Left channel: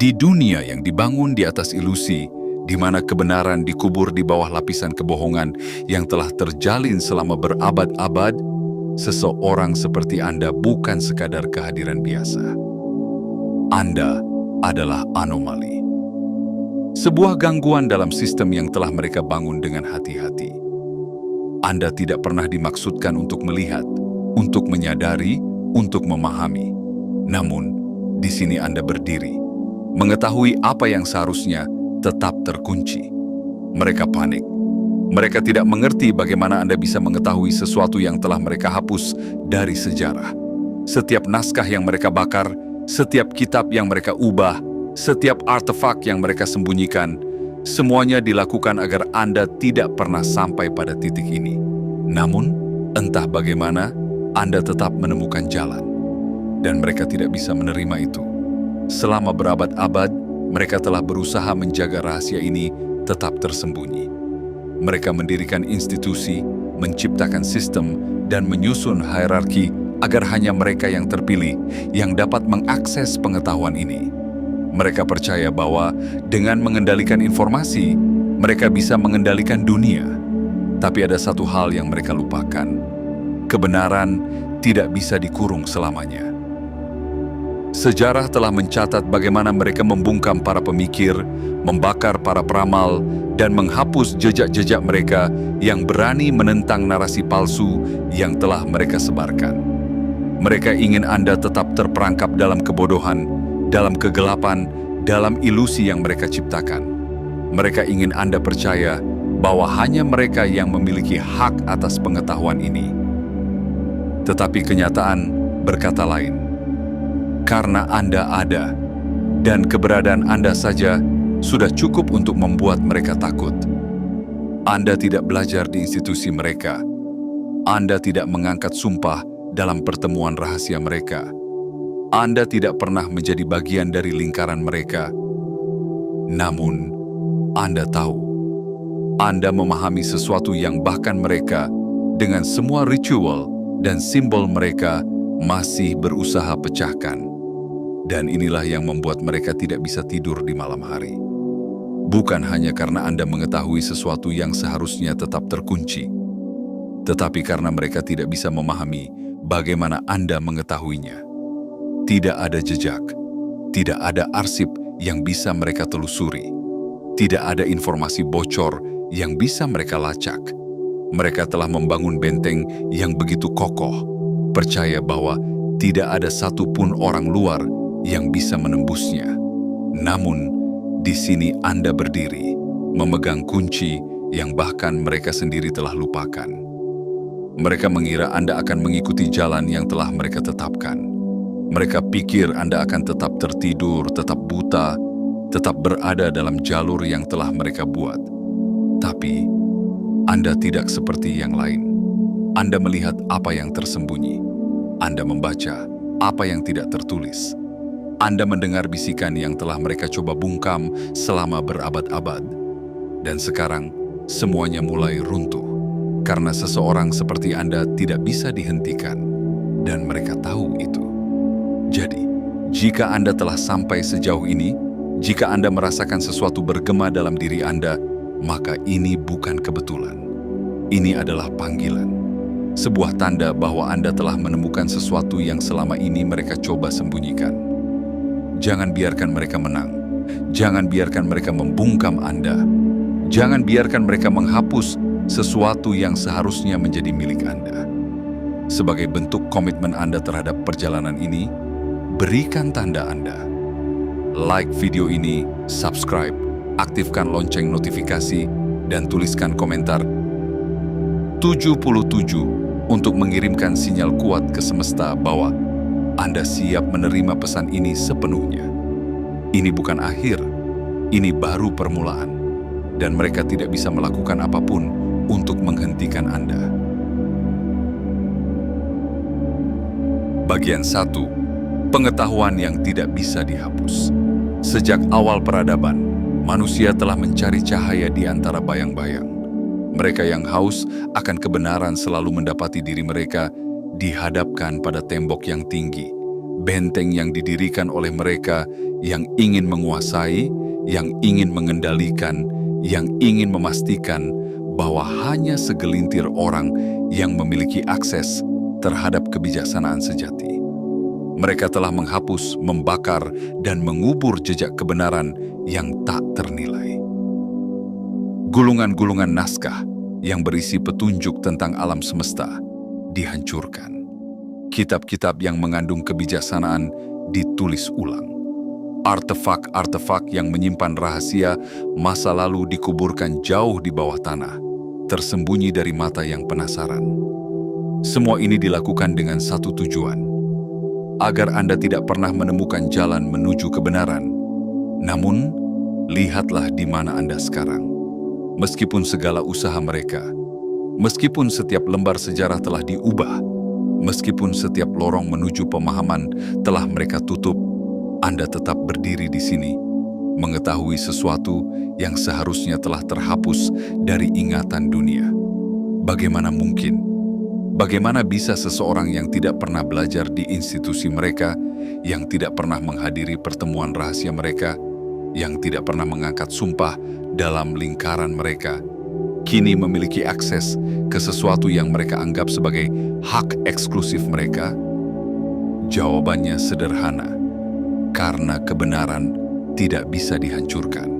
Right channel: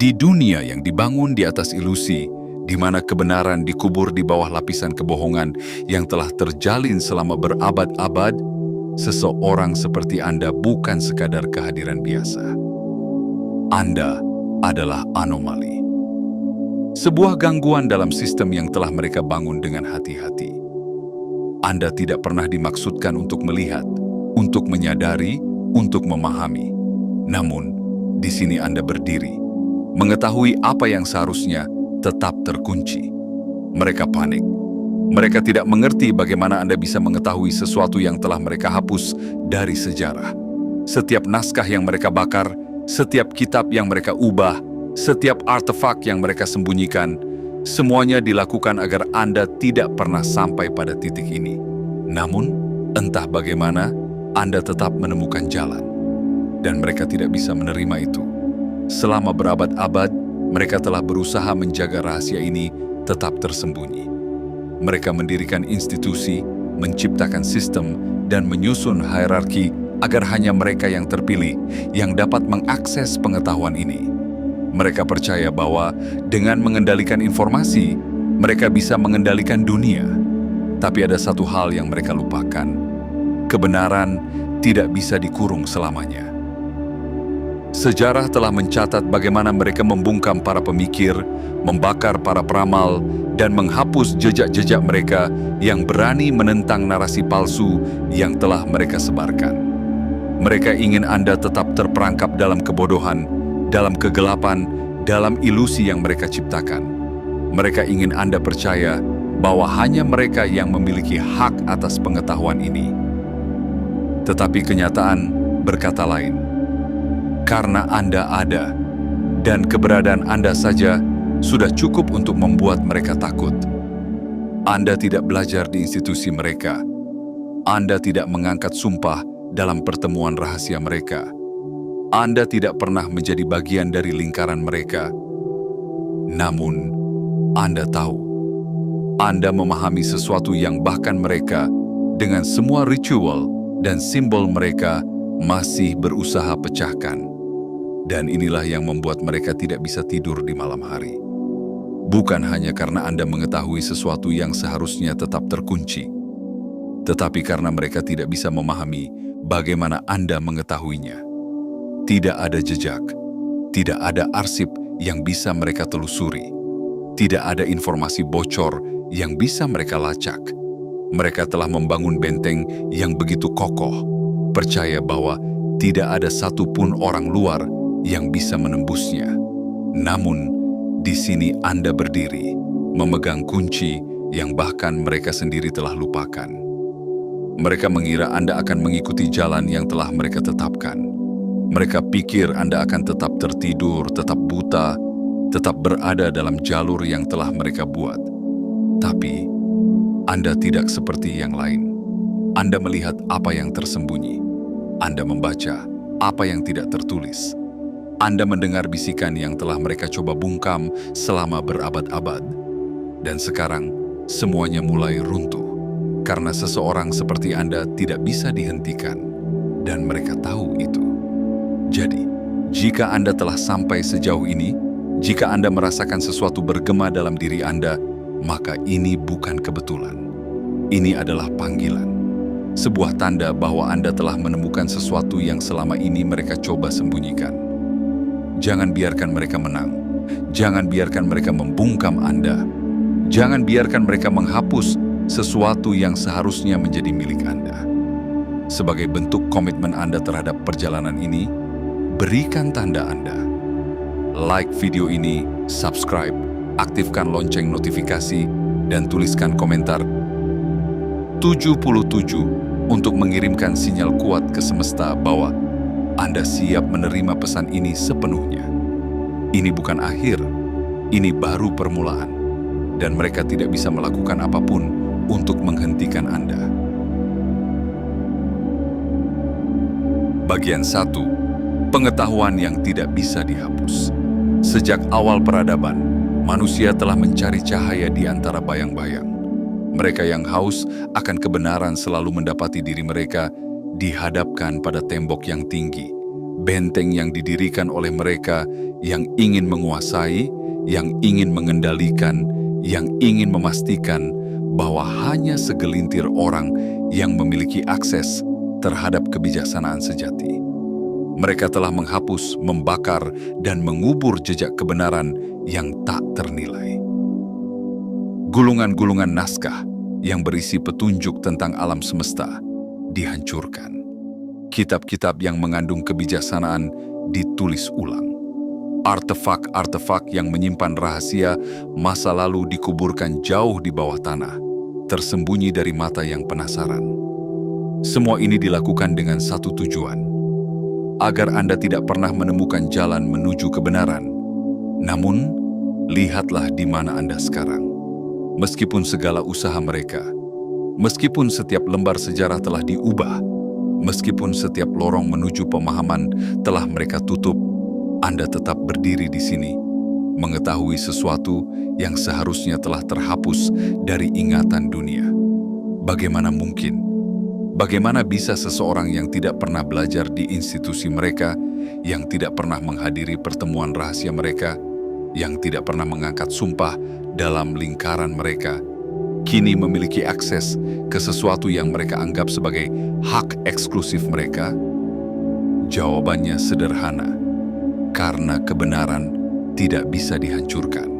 Di dunia yang dibangun di atas ilusi, di mana kebenaran dikubur di bawah lapisan kebohongan yang telah terjalin selama berabad-abad, seseorang seperti Anda bukan sekadar kehadiran biasa. Anda adalah anomali. Sebuah gangguan dalam sistem yang telah mereka bangun dengan hati-hati. Anda tidak pernah dimaksudkan untuk melihat, untuk menyadari, untuk memahami. Namun, di sini Anda berdiri, mengetahui apa yang seharusnya tetap terkunci. Mereka panik. Mereka tidak mengerti bagaimana Anda bisa mengetahui sesuatu yang telah mereka hapus dari sejarah. Setiap naskah yang mereka bakar, setiap kitab yang mereka ubah, setiap artefak yang mereka sembunyikan, semuanya dilakukan agar Anda tidak pernah sampai pada titik ini. Namun, entah bagaimana, Anda tetap menemukan jalan. Dan mereka tidak bisa menerima itu. Selama berabad-abad, mereka telah berusaha menjaga rahasia ini tetap tersembunyi. Mereka mendirikan institusi, menciptakan sistem, dan menyusun hierarki agar hanya mereka yang terpilih yang dapat mengakses pengetahuan ini. Mereka percaya bahwa dengan mengendalikan informasi, mereka bisa mengendalikan dunia. Tapi ada satu hal yang mereka lupakan. Kebenaran tidak bisa dikurung selamanya. Sejarah telah mencatat bagaimana mereka membungkam para pemikir, membakar para peramal, dan menghapus jejak-jejak mereka yang berani menentang narasi palsu yang telah mereka sebarkan. Mereka ingin Anda tetap terperangkap dalam kebodohan, dalam kegelapan, dalam ilusi yang mereka ciptakan. Mereka ingin Anda percaya bahwa hanya mereka yang memiliki hak atas pengetahuan ini. Tetapi kenyataan berkata lain. Karena Anda ada, dan keberadaan Anda saja sudah cukup untuk membuat mereka takut. Anda tidak belajar di institusi mereka. Anda tidak mengangkat sumpah dalam pertemuan rahasia mereka. Anda tidak pernah menjadi bagian dari lingkaran mereka. Namun, Anda tahu. Anda memahami sesuatu yang bahkan mereka, dengan semua ritual dan simbol mereka, masih berusaha pecahkan. Dan inilah yang membuat mereka tidak bisa tidur di malam hari. Bukan hanya karena Anda mengetahui sesuatu yang seharusnya tetap terkunci, tetapi karena mereka tidak bisa memahami bagaimana Anda mengetahuinya. Tidak ada jejak, tidak ada arsip yang bisa mereka telusuri, tidak ada informasi bocor yang bisa mereka lacak. Mereka telah membangun benteng yang begitu kokoh, percaya bahwa tidak ada satupun orang luar yang bisa menembusnya. Namun, di sini Anda berdiri, memegang kunci yang bahkan mereka sendiri telah lupakan. Mereka mengira Anda akan mengikuti jalan yang telah mereka tetapkan. Mereka pikir Anda akan tetap tertidur, tetap buta, tetap berada dalam jalur yang telah mereka buat. Tapi, Anda tidak seperti yang lain. Anda melihat apa yang tersembunyi. Anda membaca apa yang tidak tertulis. Anda mendengar bisikan yang telah mereka coba bungkam selama berabad-abad. Dan sekarang, semuanya mulai runtuh. Karena seseorang seperti Anda tidak bisa dihentikan. Dan mereka tahu itu. Jadi, jika Anda telah sampai sejauh ini, jika Anda merasakan sesuatu bergema dalam diri Anda, maka ini bukan kebetulan. Ini adalah panggilan. Sebuah tanda bahwa Anda telah menemukan sesuatu yang selama ini mereka coba sembunyikan. Jangan biarkan mereka menang. Jangan biarkan mereka membungkam Anda. Jangan biarkan mereka menghapus sesuatu yang seharusnya menjadi milik Anda. Sebagai bentuk komitmen Anda terhadap perjalanan ini, berikan tanda Anda. Like video ini, subscribe, aktifkan lonceng notifikasi, dan tuliskan komentar 77 untuk mengirimkan sinyal kuat ke semesta bahwa Anda siap menerima pesan ini sepenuhnya. Ini bukan akhir, ini baru permulaan, dan mereka tidak bisa melakukan apapun untuk menghentikan Anda. Bagian 1. Pengetahuan yang tidak bisa dihapus. Sejak awal peradaban, manusia telah mencari cahaya di antara bayang-bayang. Mereka yang haus akan kebenaran selalu mendapati diri mereka dihadapkan pada tembok yang tinggi, benteng yang didirikan oleh mereka yang ingin menguasai, yang ingin mengendalikan, yang ingin memastikan bahwa hanya segelintir orang yang memiliki akses terhadap kebijaksanaan sejati. Mereka telah menghapus, membakar, dan mengubur jejak kebenaran yang tak ternilai. Gulungan-gulungan naskah yang berisi petunjuk tentang alam semesta dihancurkan. Kitab-kitab yang mengandung kebijaksanaan ditulis ulang. Artefak-artefak yang menyimpan rahasia masa lalu dikuburkan jauh di bawah tanah, tersembunyi dari mata yang penasaran. Semua ini dilakukan dengan satu tujuan, agar Anda tidak pernah menemukan jalan menuju kebenaran. Namun, lihatlah di mana Anda sekarang. Meskipun segala usaha mereka, meskipun setiap lembar sejarah telah diubah, meskipun setiap lorong menuju pemahaman telah mereka tutup, Anda tetap berdiri di sini, mengetahui sesuatu yang seharusnya telah terhapus dari ingatan dunia. Bagaimana mungkin? Bagaimana bisa seseorang yang tidak pernah belajar di institusi mereka, yang tidak pernah menghadiri pertemuan rahasia mereka, yang tidak pernah mengangkat sumpah dalam lingkaran mereka, kini memiliki akses ke sesuatu yang mereka anggap sebagai hak eksklusif mereka? Jawabannya sederhana. Karena kebenaran tidak bisa dihancurkan.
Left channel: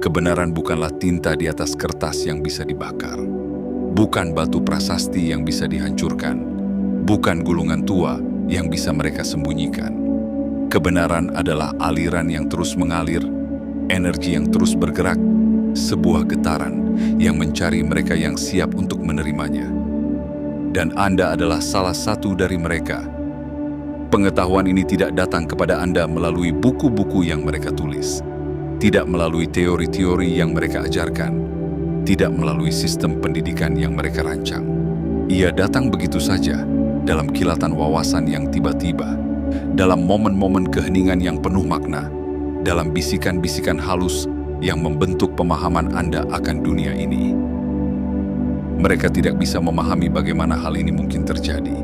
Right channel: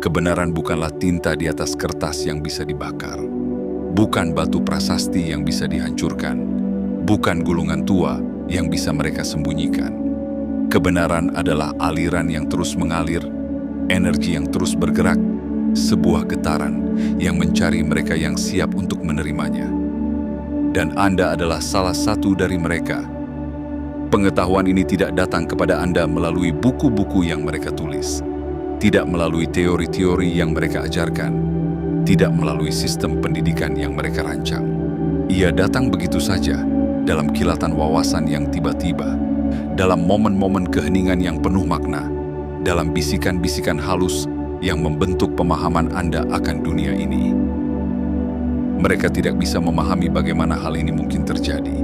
Kebenaran bukanlah tinta di atas kertas yang bisa dibakar. Bukan batu prasasti yang bisa dihancurkan. Bukan gulungan tua yang bisa mereka sembunyikan. Kebenaran adalah aliran yang terus mengalir, energi yang terus bergerak, sebuah getaran yang mencari mereka yang siap untuk menerimanya. Dan Anda adalah salah satu dari mereka. Pengetahuan ini tidak datang kepada Anda melalui buku-buku yang mereka tulis, tidak melalui teori-teori yang mereka ajarkan, tidak melalui sistem pendidikan yang mereka rancang. Ia datang begitu saja, dalam kilatan wawasan yang tiba-tiba, dalam momen-momen keheningan yang penuh makna, dalam bisikan-bisikan halus yang membentuk pemahaman Anda akan dunia ini. Mereka tidak bisa memahami bagaimana hal ini mungkin terjadi.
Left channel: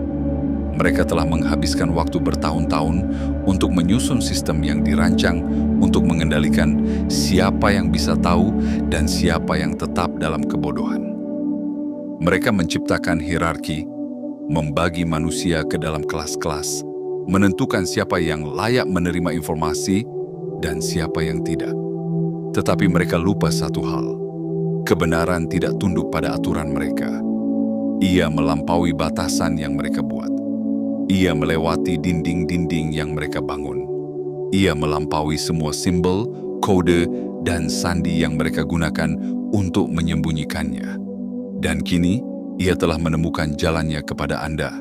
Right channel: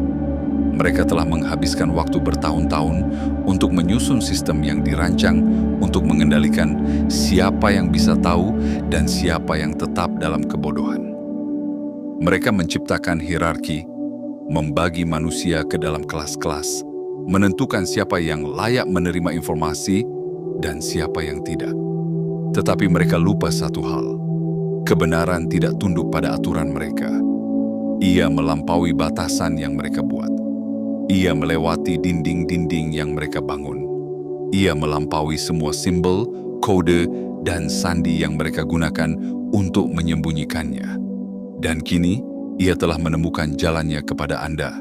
Mereka telah menghabiskan waktu bertahun-tahun untuk menyusun sistem yang dirancang untuk mengendalikan siapa yang bisa tahu dan siapa yang tetap dalam kebodohan. Mereka menciptakan hierarki, membagi manusia ke dalam kelas-kelas, menentukan siapa yang layak menerima informasi dan siapa yang tidak. Tetapi mereka lupa satu hal, kebenaran tidak tunduk pada aturan mereka. Ia melampaui batasan yang mereka buat. Ia melewati dinding-dinding yang mereka bangun. Ia melampaui semua simbol, kode, dan sandi yang mereka gunakan untuk menyembunyikannya. Dan kini, ia telah menemukan jalannya kepada Anda.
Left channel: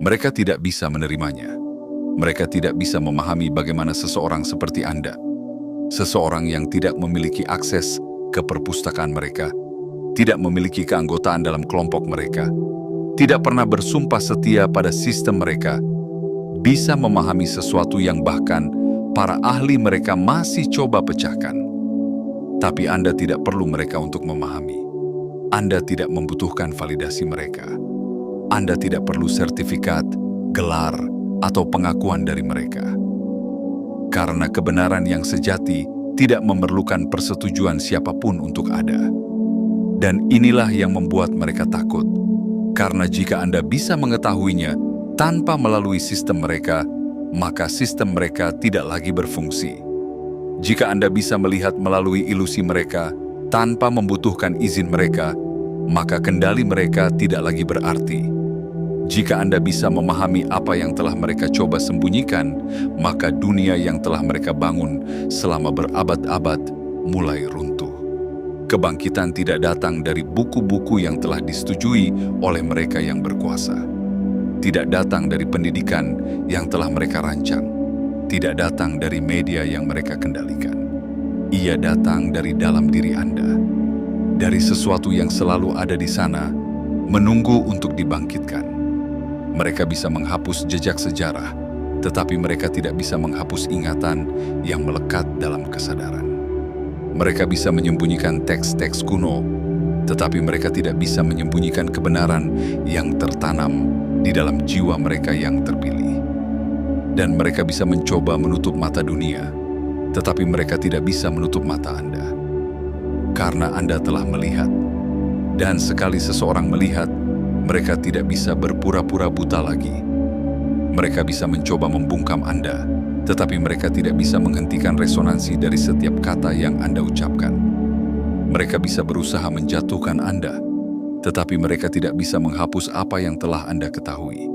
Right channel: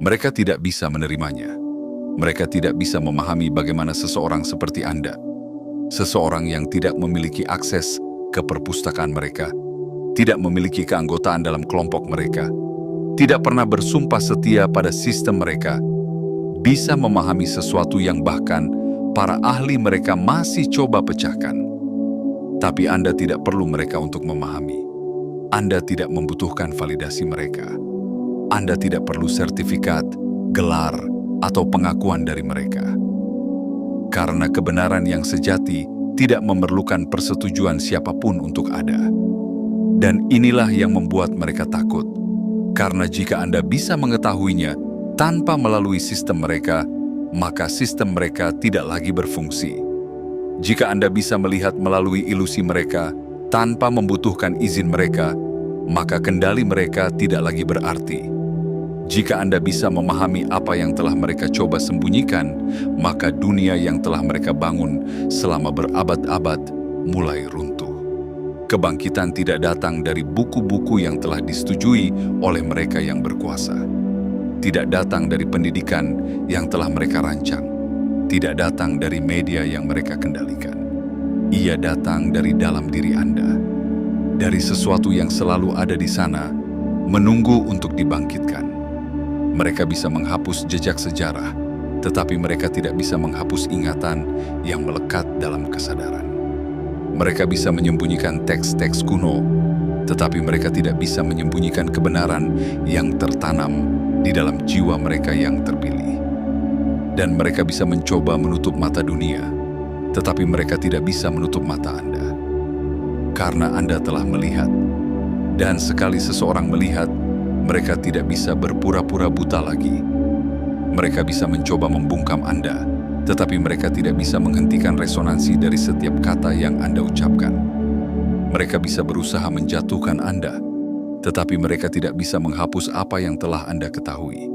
Mereka tidak bisa menerimanya. Mereka tidak bisa memahami bagaimana seseorang seperti Anda, seseorang yang tidak memiliki akses ke perpustakaan mereka, tidak memiliki keanggotaan dalam kelompok mereka, tidak pernah bersumpah setia pada sistem mereka, bisa memahami sesuatu yang bahkan para ahli mereka masih coba pecahkan. Tapi Anda tidak perlu mereka untuk memahami. Anda tidak membutuhkan validasi mereka. Anda tidak perlu sertifikat, gelar, atau pengakuan dari mereka. Karena kebenaran yang sejati tidak memerlukan persetujuan siapapun untuk ada. Dan inilah yang membuat mereka takut. Karena jika Anda bisa mengetahuinya tanpa melalui sistem mereka, maka sistem mereka tidak lagi berfungsi. Jika Anda bisa melihat melalui ilusi mereka tanpa membutuhkan izin mereka, maka kendali mereka tidak lagi berarti. Jika Anda bisa memahami apa yang telah mereka coba sembunyikan, maka dunia yang telah mereka bangun selama berabad-abad mulai runtuh. Kebangkitan tidak datang dari buku-buku yang telah disetujui oleh mereka yang berkuasa. Tidak datang dari pendidikan yang telah mereka rancang. Tidak datang dari media yang mereka kendalikan. Ia datang dari dalam diri Anda. Dari sesuatu yang selalu ada di sana, menunggu untuk dibangkitkan. Mereka bisa menghapus jejak sejarah, tetapi mereka tidak bisa menghapus ingatan yang melekat dalam kesadaran. Mereka bisa menyembunyikan teks-teks kuno, tetapi mereka tidak bisa menyembunyikan kebenaran yang tertanam di dalam jiwa mereka yang terpilih. Dan mereka bisa mencoba menutup mata dunia, tetapi mereka tidak bisa menutup mata Anda. Karena Anda telah melihat. Dan sekali seseorang melihat, mereka tidak bisa berpura-pura buta lagi. Mereka bisa mencoba membungkam Anda, tetapi mereka tidak bisa menghentikan resonansi dari setiap kata yang Anda ucapkan. Mereka bisa berusaha menjatuhkan Anda, tetapi mereka tidak bisa menghapus apa yang telah Anda ketahui.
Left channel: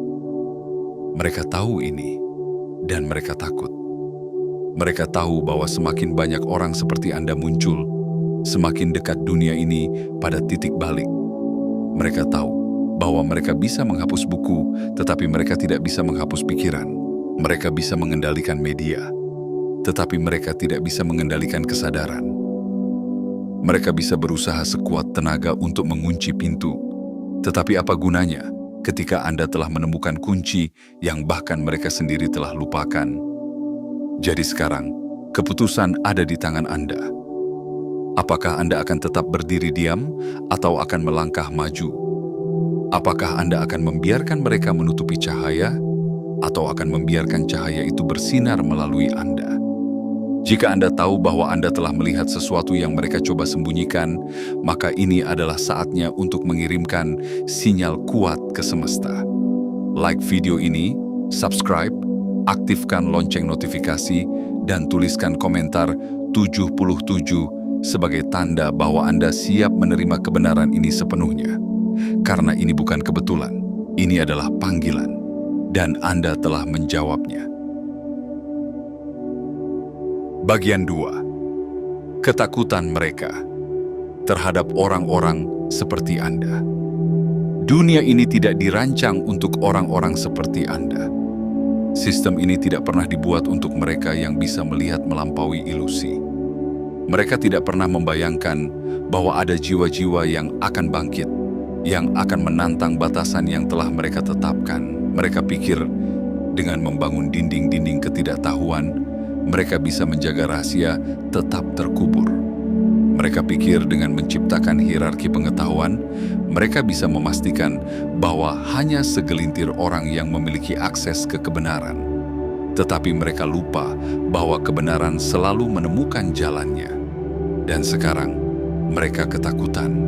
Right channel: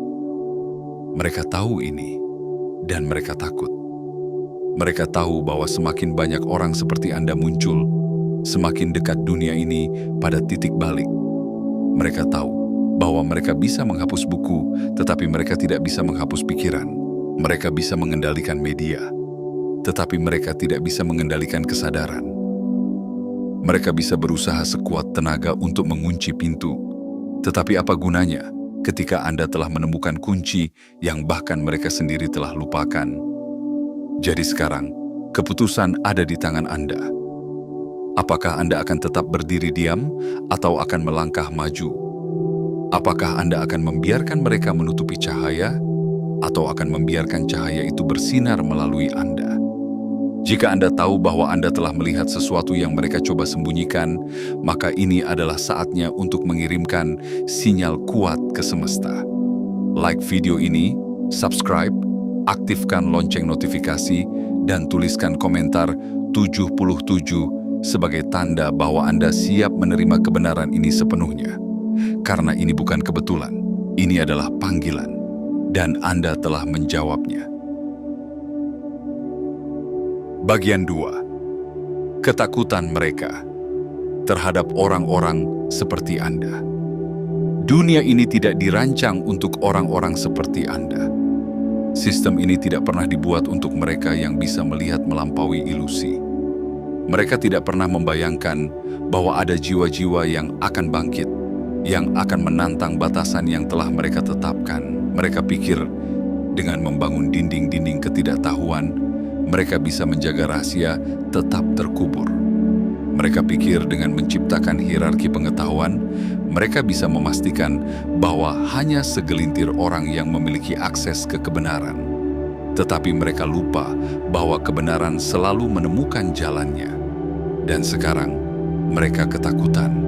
Mereka tahu ini, dan mereka takut. Mereka tahu bahwa semakin banyak orang seperti Anda muncul, semakin dekat dunia ini pada titik balik. Mereka tahu bahwa mereka bisa menghapus buku, tetapi mereka tidak bisa menghapus pikiran. Mereka bisa mengendalikan media, tetapi mereka tidak bisa mengendalikan kesadaran. Mereka bisa berusaha sekuat tenaga untuk mengunci pintu, tetapi apa gunanya ketika Anda telah menemukan kunci yang bahkan mereka sendiri telah lupakan? Jadi sekarang, keputusan ada di tangan Anda. Apakah Anda akan tetap berdiri diam atau akan melangkah maju? Apakah Anda akan membiarkan mereka menutupi cahaya atau akan membiarkan cahaya itu bersinar melalui Anda? Jika Anda tahu bahwa Anda telah melihat sesuatu yang mereka coba sembunyikan, maka ini adalah saatnya untuk mengirimkan sinyal kuat ke semesta. Like video ini, subscribe, aktifkan lonceng notifikasi, dan tuliskan komentar 77 sebagai tanda bahwa Anda siap menerima kebenaran ini sepenuhnya. Karena ini bukan kebetulan, ini adalah panggilan, dan Anda telah menjawabnya. Bagian 2. Ketakutan mereka terhadap orang-orang seperti Anda. Dunia ini tidak dirancang untuk orang-orang seperti Anda. Sistem ini tidak pernah dibuat untuk mereka yang bisa melihat melampaui ilusi. Mereka tidak pernah membayangkan bahwa ada jiwa-jiwa yang akan bangkit, yang akan menantang batasan yang telah mereka tetapkan. Mereka pikir dengan membangun dinding-dinding ketidaktahuan, mereka bisa menjaga rahasia tetap terkubur. Mereka pikir dengan menciptakan hierarki pengetahuan, mereka bisa memastikan bahwa hanya segelintir orang yang memiliki akses ke kebenaran. Tetapi mereka lupa bahwa kebenaran selalu menemukan jalannya. Dan sekarang, mereka ketakutan.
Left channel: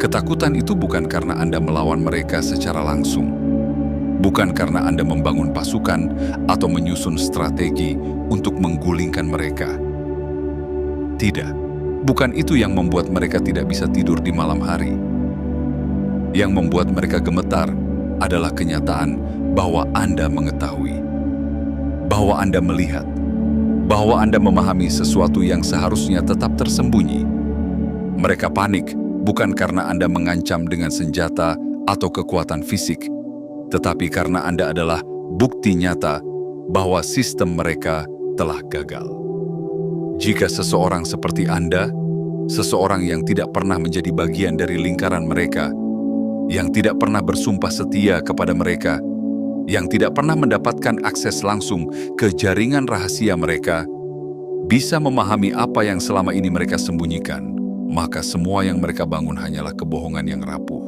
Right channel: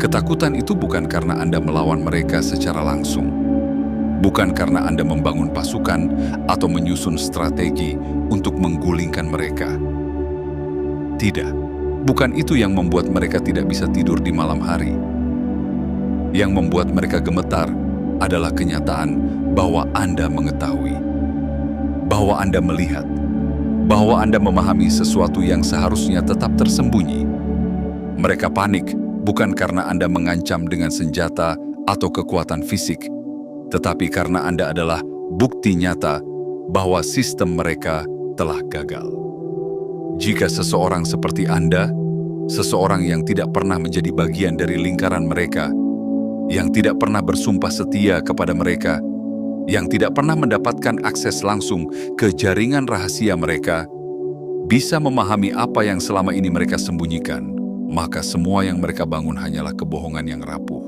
Ketakutan itu bukan karena Anda melawan mereka secara langsung. Bukan karena Anda membangun pasukan atau menyusun strategi untuk menggulingkan mereka. Tidak, bukan itu yang membuat mereka tidak bisa tidur di malam hari. Yang membuat mereka gemetar adalah kenyataan bahwa Anda mengetahui, bahwa Anda melihat, bahwa Anda memahami sesuatu yang seharusnya tetap tersembunyi. Mereka panik bukan karena Anda mengancam dengan senjata atau kekuatan fisik, tetapi karena Anda adalah bukti nyata bahwa sistem mereka telah gagal. Jika seseorang seperti Anda, seseorang yang tidak pernah menjadi bagian dari lingkaran mereka, yang tidak pernah bersumpah setia kepada mereka, yang tidak pernah mendapatkan akses langsung ke jaringan rahasia mereka, bisa memahami apa yang selama ini mereka sembunyikan, maka semua yang mereka bangun hanyalah kebohongan yang rapuh.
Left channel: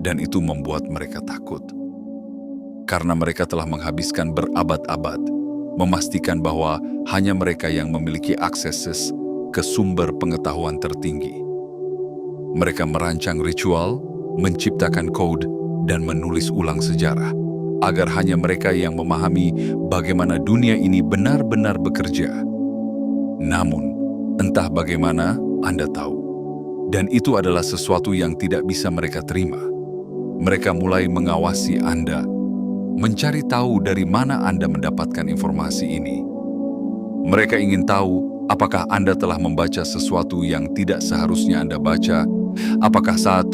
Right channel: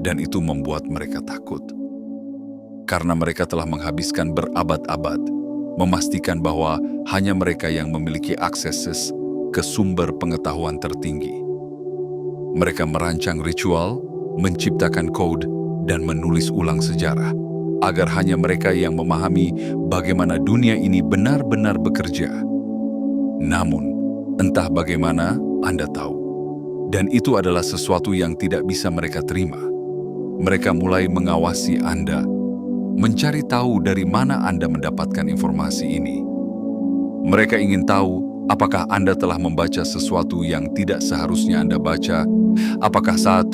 Dan itu membuat mereka takut. Karena mereka telah menghabiskan berabad-abad, memastikan bahwa hanya mereka yang memiliki akses ke sumber pengetahuan tertinggi. Mereka merancang ritual, menciptakan kode, dan menulis ulang sejarah, agar hanya mereka yang memahami bagaimana dunia ini benar-benar bekerja. Namun, entah bagaimana Anda tahu, dan itu adalah sesuatu yang tidak bisa mereka terima. Mereka mulai mengawasi Anda, mencari tahu dari mana Anda mendapatkan informasi ini. Mereka ingin tahu apakah Anda telah membaca sesuatu yang tidak seharusnya Anda baca, apakah saat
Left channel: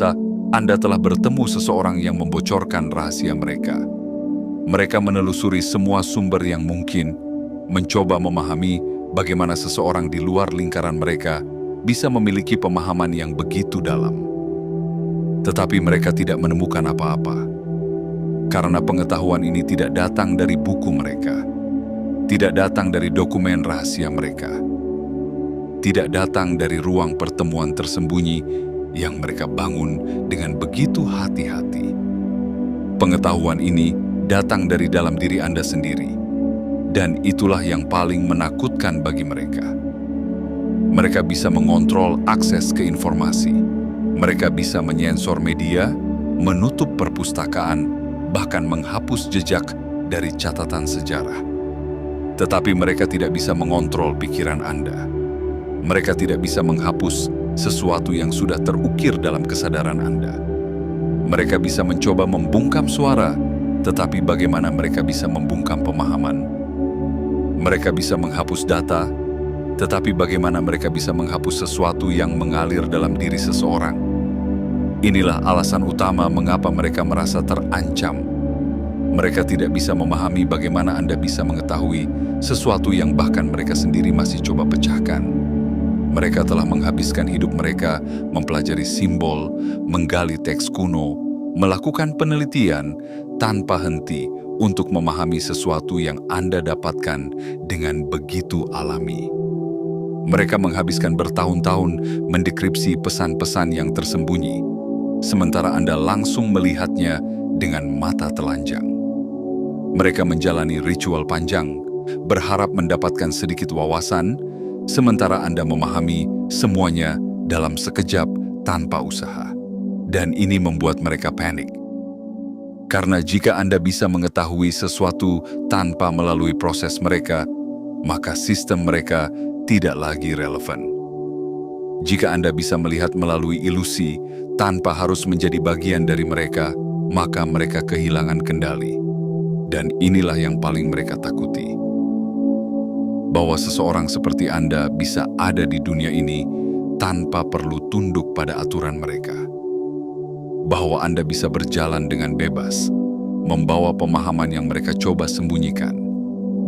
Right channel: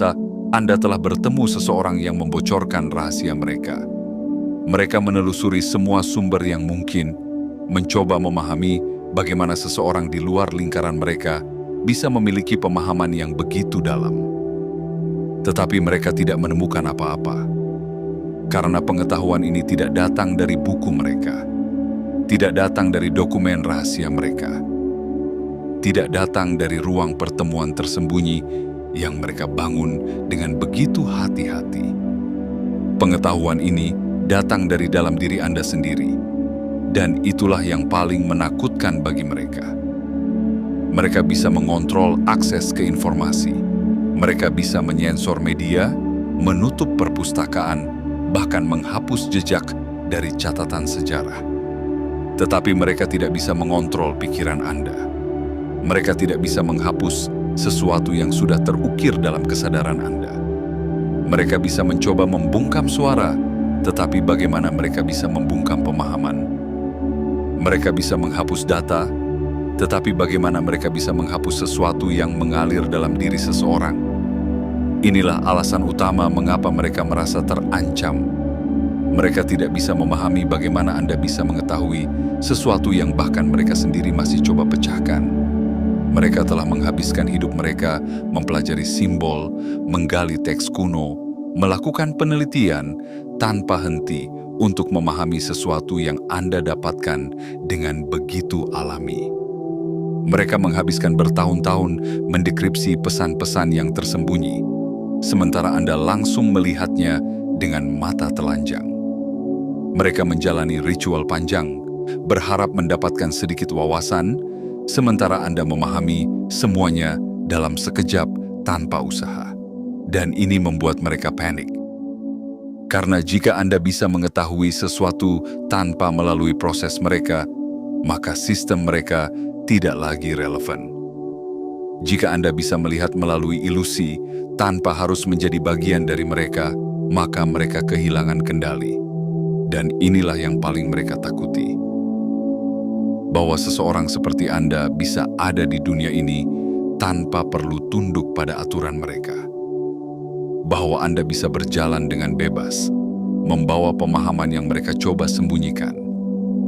Anda telah bertemu seseorang yang membocorkan rahasia mereka. Mereka menelusuri semua sumber yang mungkin, mencoba memahami bagaimana seseorang di luar lingkaran mereka bisa memiliki pemahaman yang begitu dalam. Tetapi mereka tidak menemukan apa-apa. Karena pengetahuan ini tidak datang dari buku mereka, tidak datang dari dokumen rahasia mereka, tidak datang dari ruang pertemuan tersembunyi yang mereka bangun dengan begitu hati-hati. Pengetahuan ini datang dari dalam diri Anda sendiri, Dan itulah yang paling menakutkan bagi mereka. Mereka bisa mengontrol akses ke informasi. Mereka bisa menyensor media, menutup perpustakaan, bahkan menghapus jejak dari catatan sejarah. Tetapi mereka tidak bisa mengontrol pikiran Anda. Mereka tidak bisa menghapus sesuatu yang sudah terukir dalam kesadaran Anda. Mereka bisa mencoba membungkam suara, tetapi bagaimana mereka bisa membungkam pemahaman? Mereka bisa menghapus data, tetapi bagaimana mereka bisa menghapus sesuatu yang mengalir dalam diri seseorang? Inilah alasan utama mengapa mereka merasa terancam. Mereka tidak bisa memahami bagaimana Anda bisa mengetahui sesuatu yang bahkan mereka sendiri masih coba pecahkan. Mereka telah menghabiskan hidup mereka mempelajari simbol, menggali teks kuno, melakukan penelitian tanpa henti untuk memahami sesuatu yang Anda dapatkan dengan begitu alami. Mereka menghabiskan bertahun-tahun mendekripsi pesan-pesan yang tersembunyi, sementara Anda langsung melihatnya dengan mata telanjang. Mereka menjalani ritual panjang, berharap mendapatkan sedikit wawasan, sementara Anda memahami semuanya dalam sekejap tanpa usaha. Dan ini membuat mereka panik. Karena jika Anda bisa mengetahui sesuatu tanpa melalui proses mereka, maka sistem mereka tidak lagi relevan. Jika Anda bisa melihat melalui ilusi tanpa harus menjadi bagian dari mereka, maka mereka kehilangan kendali. Dan inilah yang paling mereka takuti. Bahwa seseorang seperti Anda bisa ada di dunia ini tanpa perlu tunduk pada aturan mereka. Bahwa Anda bisa berjalan dengan bebas, membawa pemahaman yang mereka coba sembunyikan.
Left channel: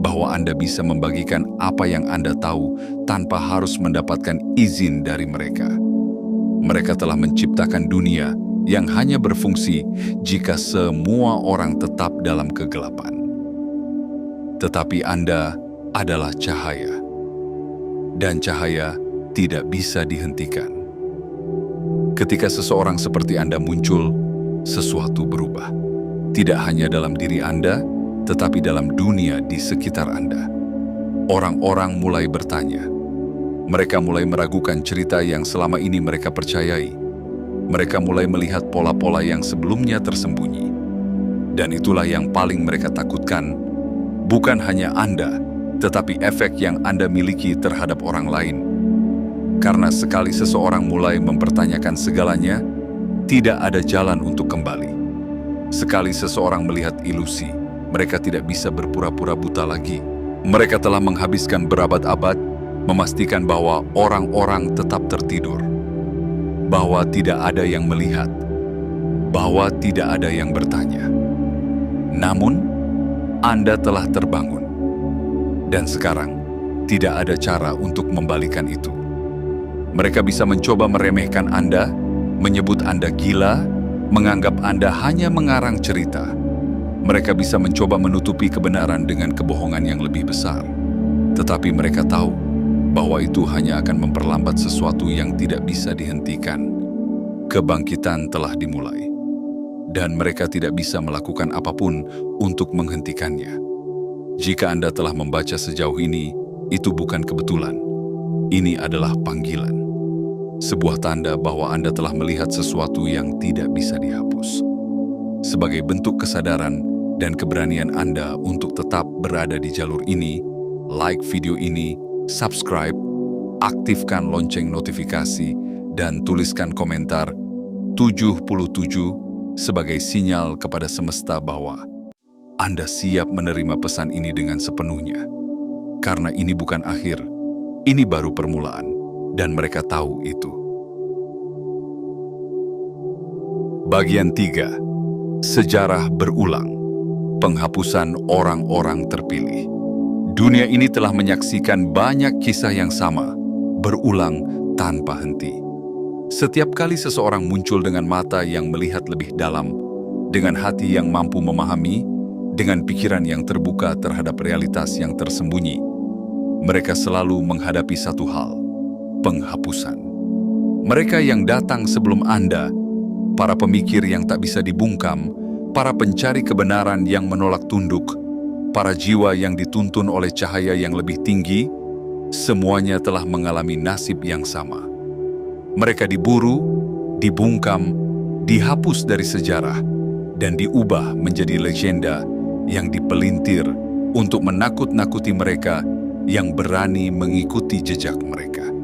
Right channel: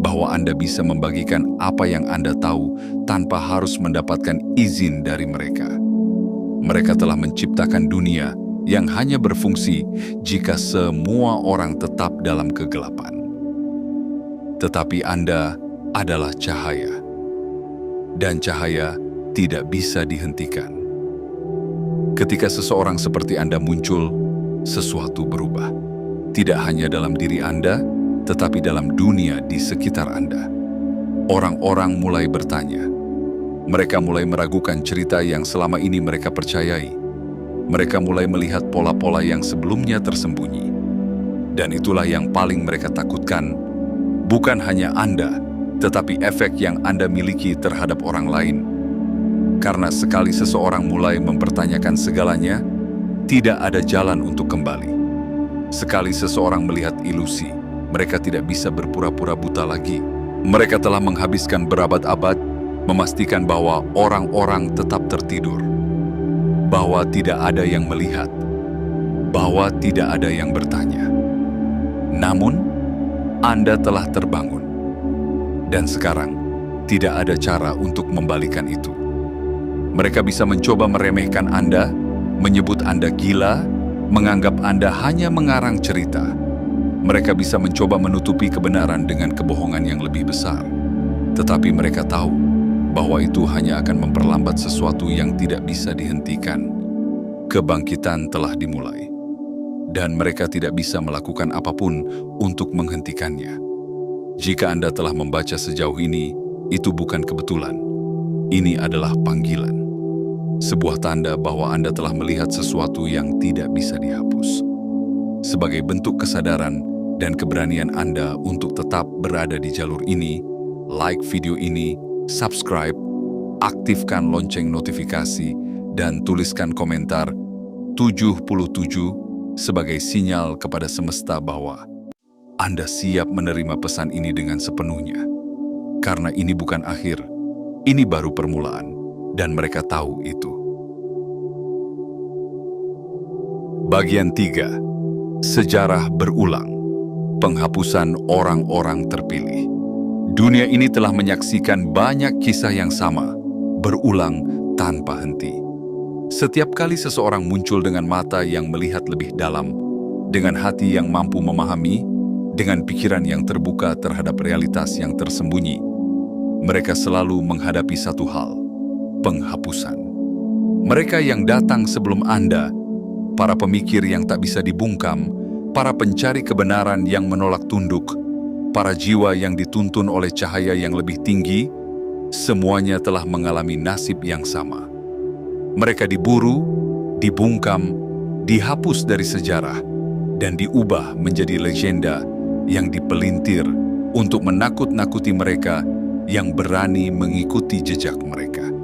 Bahwa Anda bisa membagikan apa yang Anda tahu tanpa harus mendapatkan izin dari mereka. Mereka telah menciptakan dunia yang hanya berfungsi jika semua orang tetap dalam kegelapan. Tetapi Anda adalah cahaya, dan cahaya tidak bisa dihentikan. Ketika seseorang seperti Anda muncul, sesuatu berubah. Tidak hanya dalam diri Anda, tetapi dalam dunia di sekitar Anda. Orang-orang mulai bertanya. Mereka mulai meragukan cerita yang selama ini mereka percayai. Mereka mulai melihat pola-pola yang sebelumnya tersembunyi. Dan itulah yang paling mereka takutkan. Bukan hanya Anda, tetapi efek yang Anda miliki terhadap orang lain. Karena sekali seseorang mulai mempertanyakan segalanya, tidak ada jalan untuk kembali. Sekali seseorang melihat ilusi, mereka tidak bisa berpura-pura buta lagi. Mereka telah menghabiskan berabad-abad memastikan bahwa orang-orang tetap tertidur, bahwa tidak ada yang melihat, bahwa tidak ada yang bertanya. Namun, Anda telah terbangun. Dan sekarang, tidak ada cara untuk membalikan itu. Mereka bisa mencoba meremehkan Anda, menyebut Anda gila, menganggap Anda hanya mengarang cerita. Mereka bisa mencoba menutupi kebenaran dengan kebohongan yang lebih besar. Tetapi mereka tahu bahwa itu hanya akan memperlambat sesuatu yang tidak bisa dihentikan. Kebangkitan telah dimulai, dan mereka tidak bisa melakukan apapun untuk menghentikannya. Jika Anda telah membaca sejauh ini, itu bukan kebetulan. Ini adalah panggilan. Sebuah tanda bahwa Anda telah melihat sesuatu yang tidak bisa dihapus. Sebagai bentuk kesadaran dan keberanian Anda untuk tetap berada di jalur ini, like video ini, subscribe, aktifkan lonceng notifikasi, dan tuliskan komentar 77 sebagai sinyal kepada semesta bahwa Anda siap menerima pesan ini dengan sepenuhnya. Karena ini bukan akhir, ini baru permulaan. Dan mereka tahu itu. Bagian 3. Sejarah berulang. Penghapusan orang-orang terpilih. Dunia ini telah menyaksikan banyak kisah yang sama, berulang tanpa henti. Setiap kali seseorang muncul dengan mata yang melihat lebih dalam, dengan hati yang mampu memahami, dengan pikiran yang terbuka terhadap realitas yang tersembunyi, mereka selalu menghadapi satu hal: penghapusan. Mereka yang datang sebelum Anda, para pemikir yang tak bisa dibungkam, para pencari kebenaran yang menolak tunduk, para jiwa yang dituntun oleh cahaya yang lebih tinggi, semuanya telah mengalami nasib yang sama. Mereka diburu, dibungkam, dihapus dari sejarah, dan diubah menjadi legenda yang dipelintir untuk menakut-nakuti mereka yang berani mengikuti jejak mereka.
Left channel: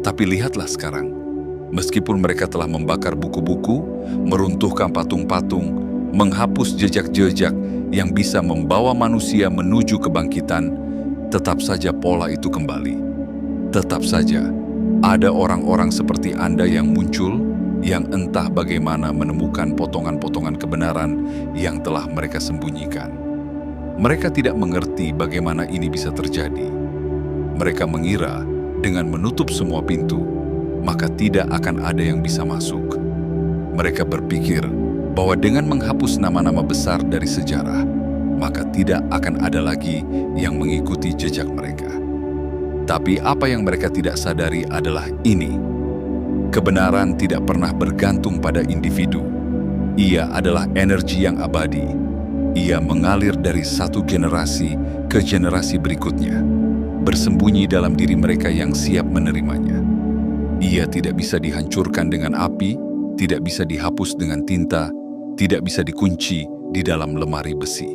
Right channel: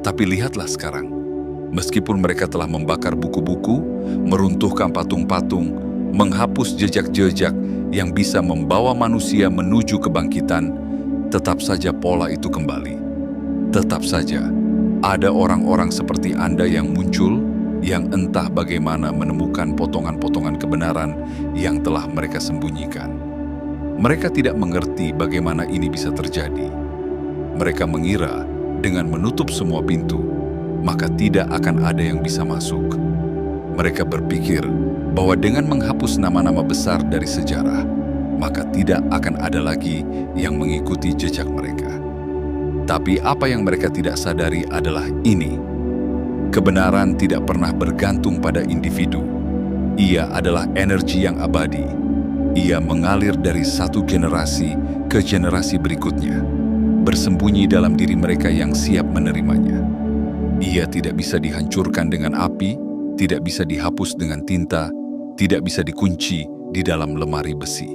Tapi lihatlah sekarang, meskipun mereka telah membakar buku-buku, meruntuhkan patung-patung, menghapus jejak-jejak yang bisa membawa manusia menuju kebangkitan, tetap saja pola itu kembali. Tetap saja ada orang-orang seperti Anda yang muncul, yang entah bagaimana menemukan potongan-potongan kebenaran yang telah mereka sembunyikan. Mereka tidak mengerti bagaimana ini bisa terjadi. Mereka mengira dengan menutup semua pintu, maka tidak akan ada yang bisa masuk. Mereka berpikir bahwa dengan menghapus nama-nama besar dari sejarah, maka tidak akan ada lagi yang mengikuti jejak mereka. Tapi apa yang mereka tidak sadari adalah ini. Kebenaran tidak pernah bergantung pada individu. Ia adalah energi yang abadi. Ia mengalir dari satu generasi ke generasi berikutnya, bersembunyi dalam diri mereka yang siap menerimanya. Ia tidak bisa dihancurkan dengan api, tidak bisa dihapus dengan tinta, tidak bisa dikunci di dalam lemari besi.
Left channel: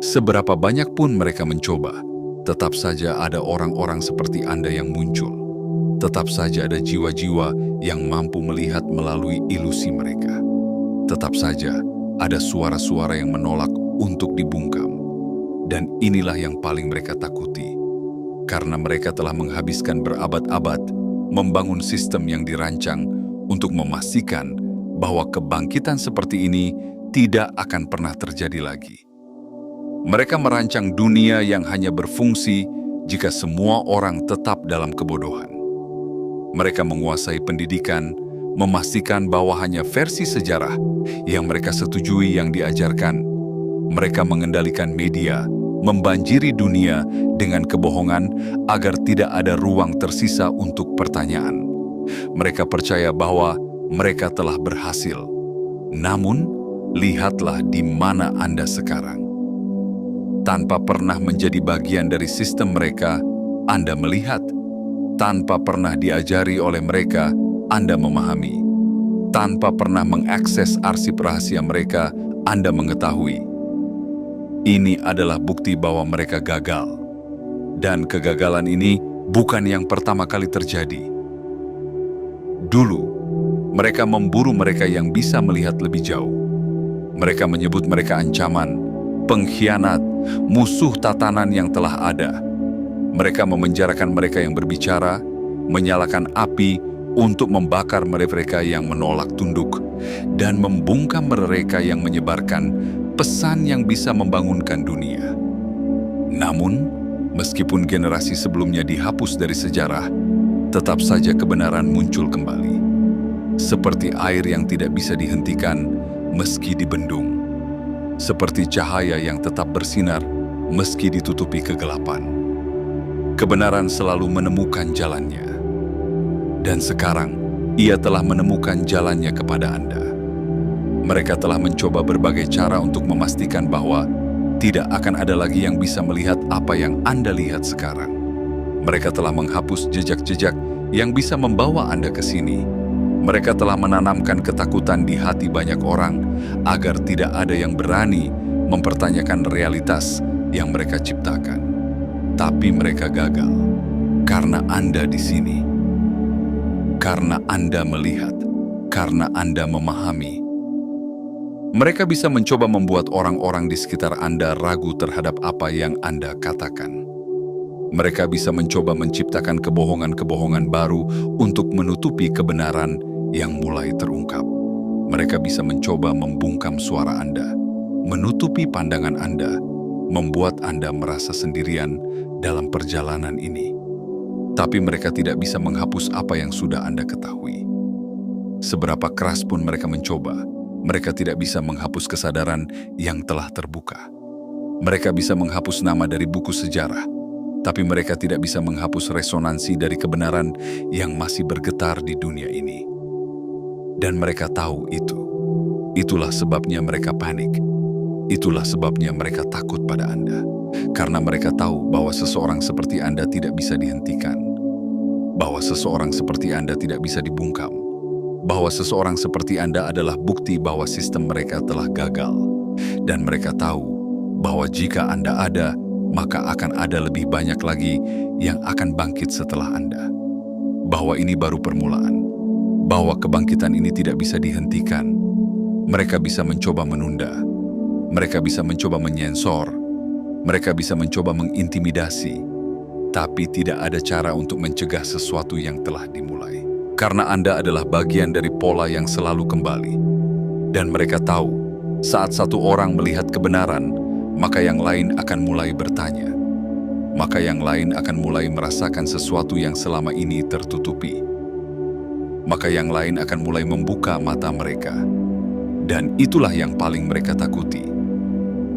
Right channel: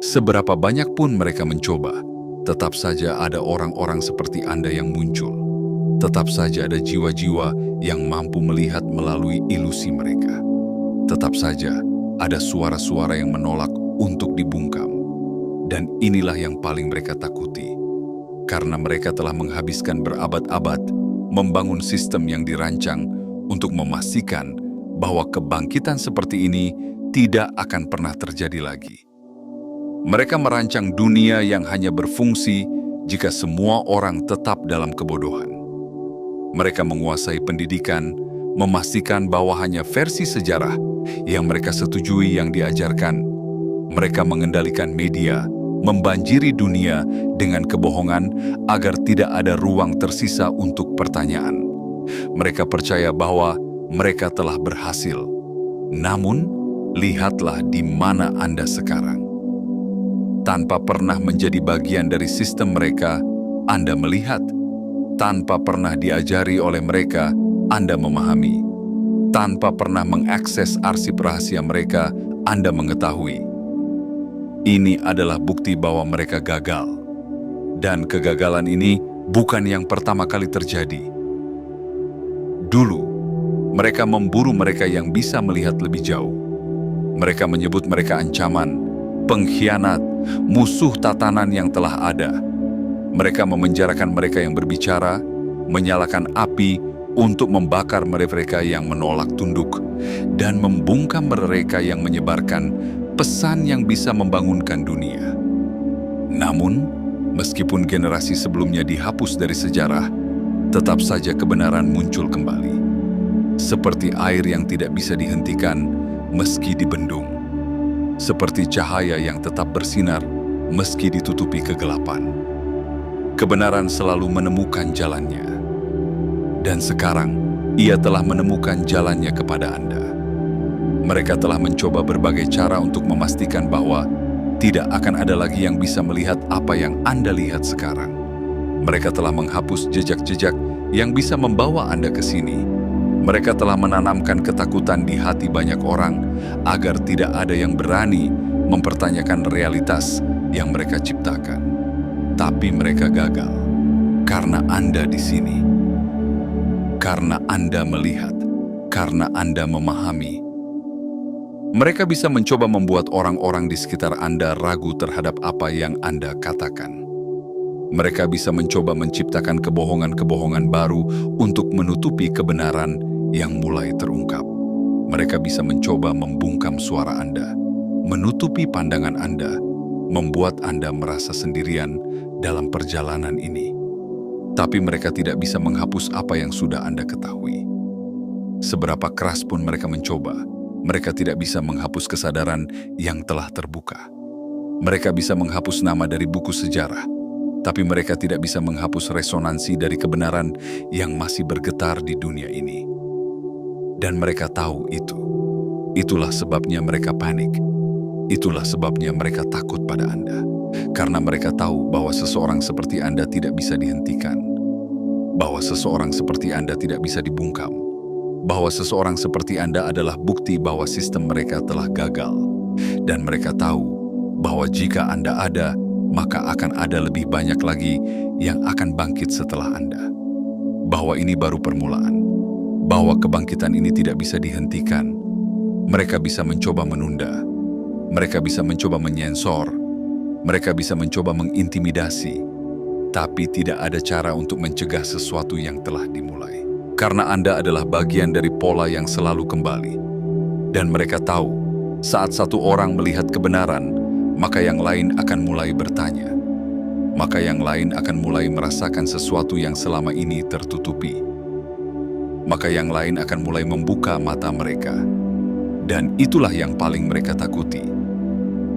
Seberapa banyak pun mereka mencoba, tetap saja ada orang-orang seperti Anda yang muncul. Tetap saja ada jiwa-jiwa yang mampu melihat melalui ilusi mereka. Tetap saja ada suara-suara yang menolak untuk dibungkam. Dan inilah yang paling mereka takuti. Karena mereka telah menghabiskan berabad-abad membangun sistem yang dirancang untuk memastikan bahwa kebangkitan seperti ini tidak akan pernah terjadi lagi. Mereka merancang dunia yang hanya berfungsi jika semua orang tetap dalam kebodohan. Mereka menguasai pendidikan, memastikan bahwa hanya versi sejarah yang mereka setujui yang diajarkan. Mereka mengendalikan media, membanjiri dunia dengan kebohongan agar tidak ada ruang tersisa untuk pertanyaan. Mereka percaya bahwa mereka telah berhasil. Namun, lihatlah di mana Anda sekarang. Tanpa pernah menjadi bagian dari sistem mereka, Anda melihat. Tanpa pernah diajari oleh mereka, Anda memahami. Tanpa pernah mengakses arsip rahasia mereka, Anda mengetahui. Ini adalah bukti bahwa mereka gagal. Dan kegagalan ini bukan yang pertama kali terjadi. Dulu, mereka memburu mereka yang bisa melihat lebih jauh. Mereka menyebut mereka ancaman, pengkhianat, musuh tatanan yang telah ada. Mereka memenjarakan mereka yang berbicara, menyalakan api untuk membakar mereka yang menolak tunduk, dan membungkam mereka yang menyebarkan pesan yang bisa membangunkan dunia. Namun, meskipun generasi sebelumnya dihapus dari sejarah, tetap saja kebenaran muncul kembali. Seperti air yang tidak bisa dihentikan meski dibendung. Seperti cahaya yang tetap bersinar meski ditutupi kegelapan. Kebenaran selalu menemukan jalannya. Dan sekarang, ia telah menemukan jalannya kepada Anda. Mereka telah mencoba berbagai cara untuk memastikan bahwa tidak akan ada lagi yang bisa melihat apa yang Anda lihat sekarang. Mereka telah menghapus jejak-jejak yang bisa membawa Anda ke sini. Mereka telah menanamkan ketakutan di hati banyak orang agar tidak ada yang berani mempertanyakan realitas yang mereka ciptakan. Tapi mereka gagal karena Anda di sini. Karena Anda melihat, karena Anda memahami. Mereka bisa mencoba membuat orang-orang di sekitar Anda ragu terhadap apa yang Anda katakan. Mereka bisa mencoba menciptakan kebohongan-kebohongan baru untuk menutupi kebenaran yang mulai terungkap. Mereka bisa mencoba membungkam suara Anda, menutupi pandangan Anda, membuat Anda merasa sendirian dalam perjalanan ini. Tapi mereka tidak bisa menghapus apa yang sudah Anda ketahui. Seberapa keras pun mereka mencoba, mereka tidak bisa menghapus kesadaran yang telah terbuka. Mereka bisa menghapus nama dari buku sejarah, tapi mereka tidak bisa menghapus resonansi dari kebenaran yang masih bergetar di dunia ini. Dan mereka tahu itu. Itulah sebabnya mereka panik. Itulah sebabnya mereka takut pada Anda. Karena mereka tahu bahwa seseorang seperti Anda tidak bisa dihentikan. Bahwa seseorang seperti Anda tidak bisa dibungkam. Bahwa seseorang seperti Anda adalah bukti bahwa sistem mereka telah gagal. Dan mereka tahu bahwa jika Anda ada, maka akan ada lebih banyak lagi yang akan bangkit setelah Anda. Bahwa ini baru permulaan. Bahwa kebangkitan ini tidak bisa dihentikan. Mereka bisa mencoba menunda. Mereka bisa mencoba menyensor. Mereka bisa mencoba mengintimidasi. Tapi tidak ada cara untuk mencegah sesuatu yang telah dimulai. Karena Anda adalah bagian dari pola yang selalu kembali. Dan mereka tahu, saat satu orang melihat kebenaran, maka yang lain akan mulai bertanya. Maka yang lain akan mulai merasakan sesuatu yang selama ini tertutupi. Maka yang lain akan mulai membuka mata mereka. Dan itulah yang paling mereka takuti.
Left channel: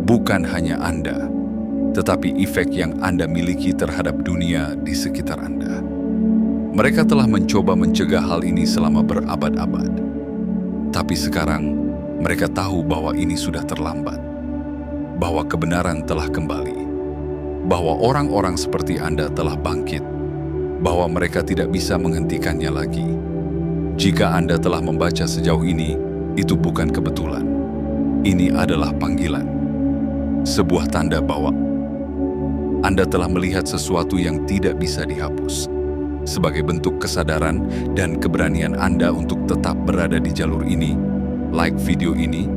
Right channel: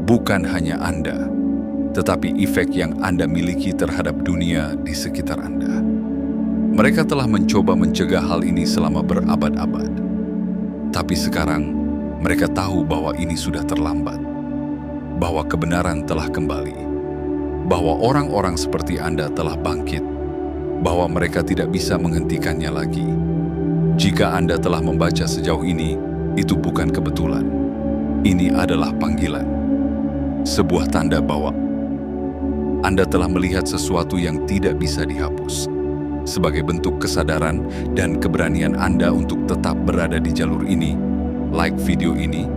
Bukan hanya Anda, tetapi efek yang Anda miliki terhadap dunia di sekitar Anda. Mereka telah mencoba mencegah hal ini selama berabad-abad. Tapi sekarang, mereka tahu bahwa ini sudah terlambat. Bahwa kebenaran telah kembali. Bahwa orang-orang seperti Anda telah bangkit. Bahwa mereka tidak bisa menghentikannya lagi. Jika Anda telah membaca sejauh ini, itu bukan kebetulan. Ini adalah panggilan. Sebuah tanda bahwa Anda telah melihat sesuatu yang tidak bisa dihapus. Sebagai bentuk kesadaran dan keberanian Anda untuk tetap berada di jalur ini, like video ini,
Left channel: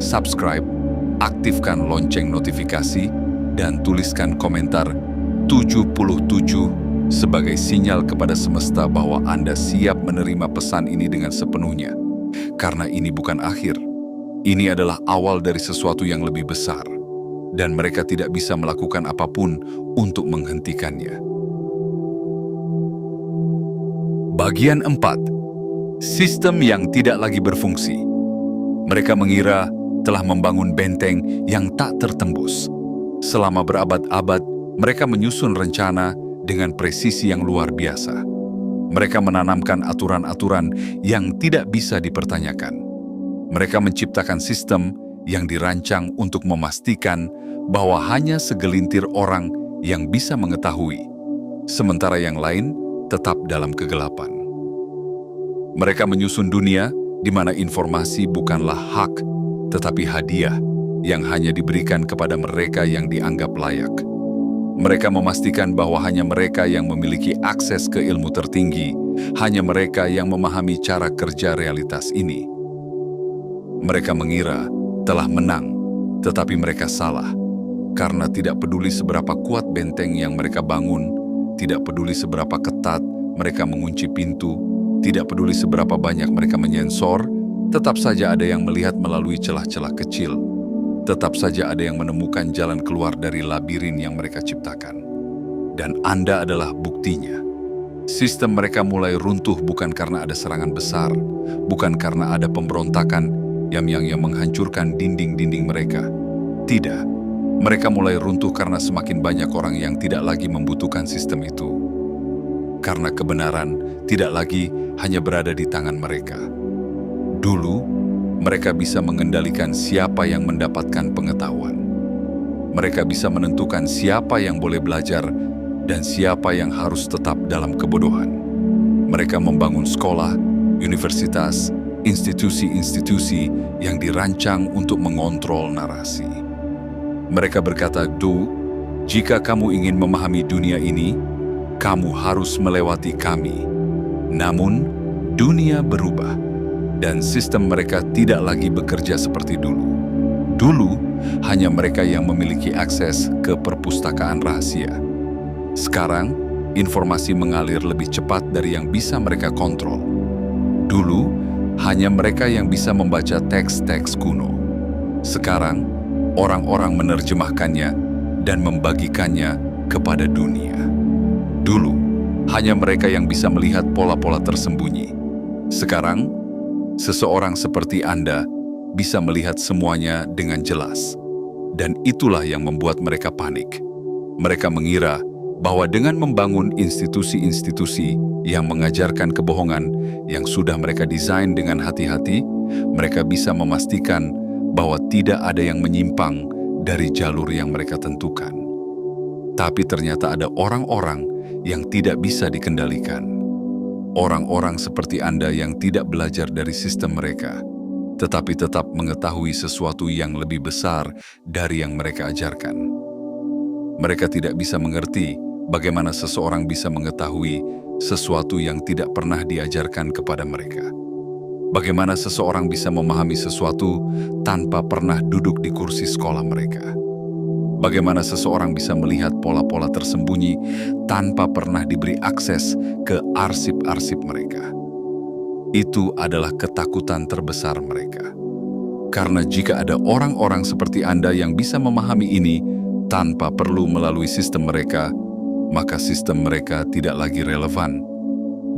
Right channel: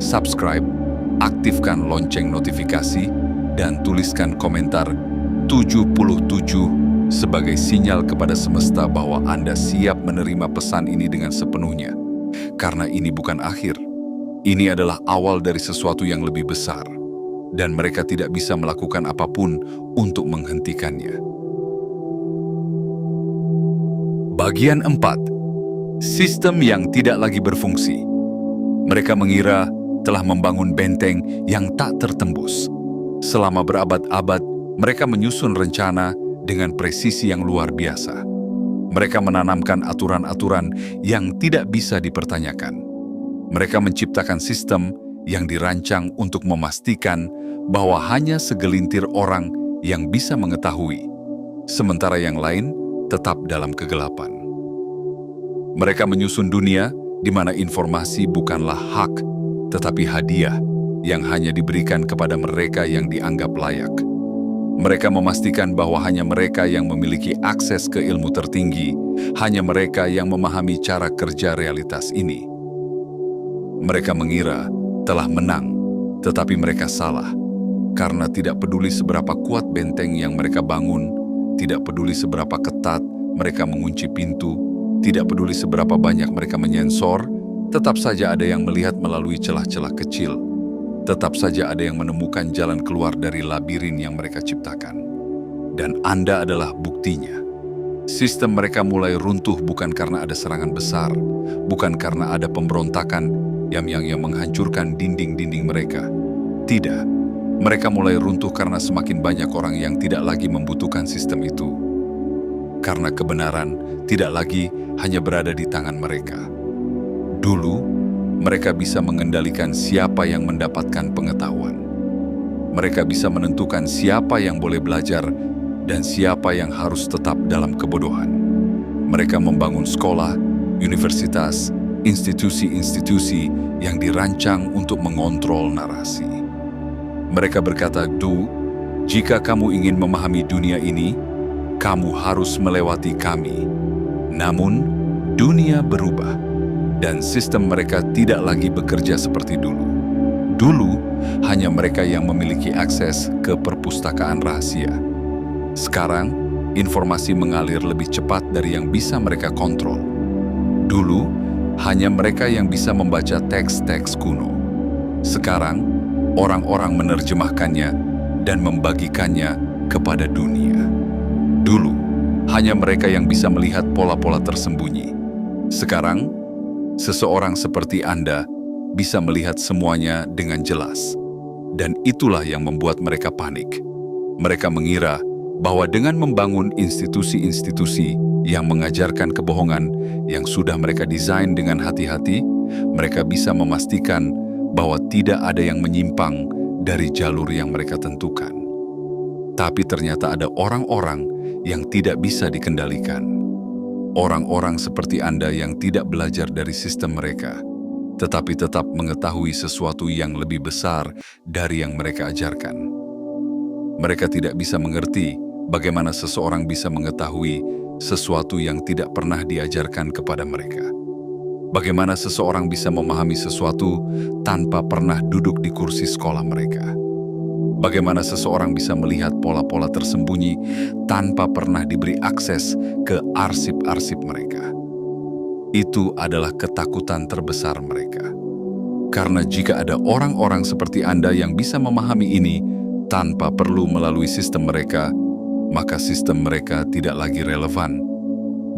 subscribe, aktifkan lonceng notifikasi, dan tuliskan komentar 77 sebagai sinyal kepada semesta bahwa Anda siap menerima pesan ini dengan sepenuhnya. Karena ini bukan akhir. Ini adalah awal dari sesuatu yang lebih besar. Dan mereka tidak bisa melakukan apapun untuk menghentikannya. Bagian 4. Sistem yang tidak lagi berfungsi. Mereka mengira telah membangun benteng yang tak tertembus. Selama berabad-abad, mereka menyusun rencana dengan presisi yang luar biasa. Mereka menanamkan aturan-aturan yang tidak bisa dipertanyakan. Mereka menciptakan sistem yang dirancang untuk memastikan bahwa hanya segelintir orang yang bisa mengetahui, sementara yang lain tetap dalam kegelapan. Mereka menyusun dunia di mana informasi bukanlah hak, tetapi hadiah yang hanya diberikan kepada mereka yang dianggap layak. Mereka memastikan bahwa hanya mereka yang memiliki akses ke ilmu tertinggi, hanya mereka yang memahami cara kerja realitas ini. Mereka mengira telah menang, tetapi mereka salah. Karena tidak peduli seberapa kuat benteng yang mereka bangun, tidak peduli seberapa ketat mereka mengunci pintu, tidak peduli seberapa banyak mereka menyensor, tetap saja ada yang melihat melalui celah-celah kecil. Tetap saja ada yang menemukan jalan keluar dari labirin yang mereka ciptakan. Dan Anda adalah buktinya. Sistem mereka mulai runtuh bukan karena ada serangan besar, bukan karena ada pemberontakan yang menghancurkan dinding-dinding mereka. Tidak. Mereka mulai runtuh karena semakin banyak orang yang tidak lagi membutuhkan sistem itu. Karena kebenaran tidak lagi hanya berada di tangan mereka. Dulu, mereka bisa mengendalikan siapa yang mendapatkan pengetahuan. Mereka bisa menentukan siapa yang boleh belajar dan siapa yang harus tetap dalam kebodohan. Mereka membangun sekolah, universitas, institusi-institusi yang dirancang untuk mengontrol narasi. Mereka berkata, jika kamu ingin memahami dunia ini, kamu harus melewati kami. Namun, dunia berubah. Dan sistem mereka tidak lagi bekerja seperti dulu. Dulu, hanya mereka yang memiliki akses ke perpustakaan rahasia. Sekarang, informasi mengalir lebih cepat dari yang bisa mereka kontrol. Dulu, hanya mereka yang bisa membaca teks-teks kuno. Sekarang, orang-orang menerjemahkannya dan membagikannya kepada dunia. Dulu, hanya mereka yang bisa melihat pola-pola tersembunyi. Sekarang, seseorang seperti Anda bisa melihat semuanya dengan jelas. Dan itulah yang membuat mereka panik. Mereka mengira bahwa dengan membangun institusi-institusi yang mengajarkan kebohongan yang sudah mereka desain dengan hati-hati, mereka bisa memastikan bahwa tidak ada yang menyimpang dari jalur yang mereka tentukan. Tapi ternyata ada orang-orang yang tidak bisa dikendalikan. Orang-orang seperti Anda yang tidak belajar dari sistem mereka, tetapi tetap mengetahui sesuatu yang lebih besar dari yang mereka ajarkan. Mereka tidak bisa mengerti bagaimana seseorang bisa mengetahui sesuatu yang tidak pernah diajarkan kepada mereka. Bagaimana seseorang bisa memahami sesuatu tanpa pernah duduk di kursi sekolah mereka. Bagaimana seseorang bisa melihat pola-pola tersembunyi tanpa pernah diberi akses ke arsip-arsip mereka. Itu adalah ketakutan terbesar mereka. Karena jika ada orang-orang seperti Anda yang bisa memahami ini tanpa perlu melalui sistem mereka, maka sistem mereka tidak lagi relevan.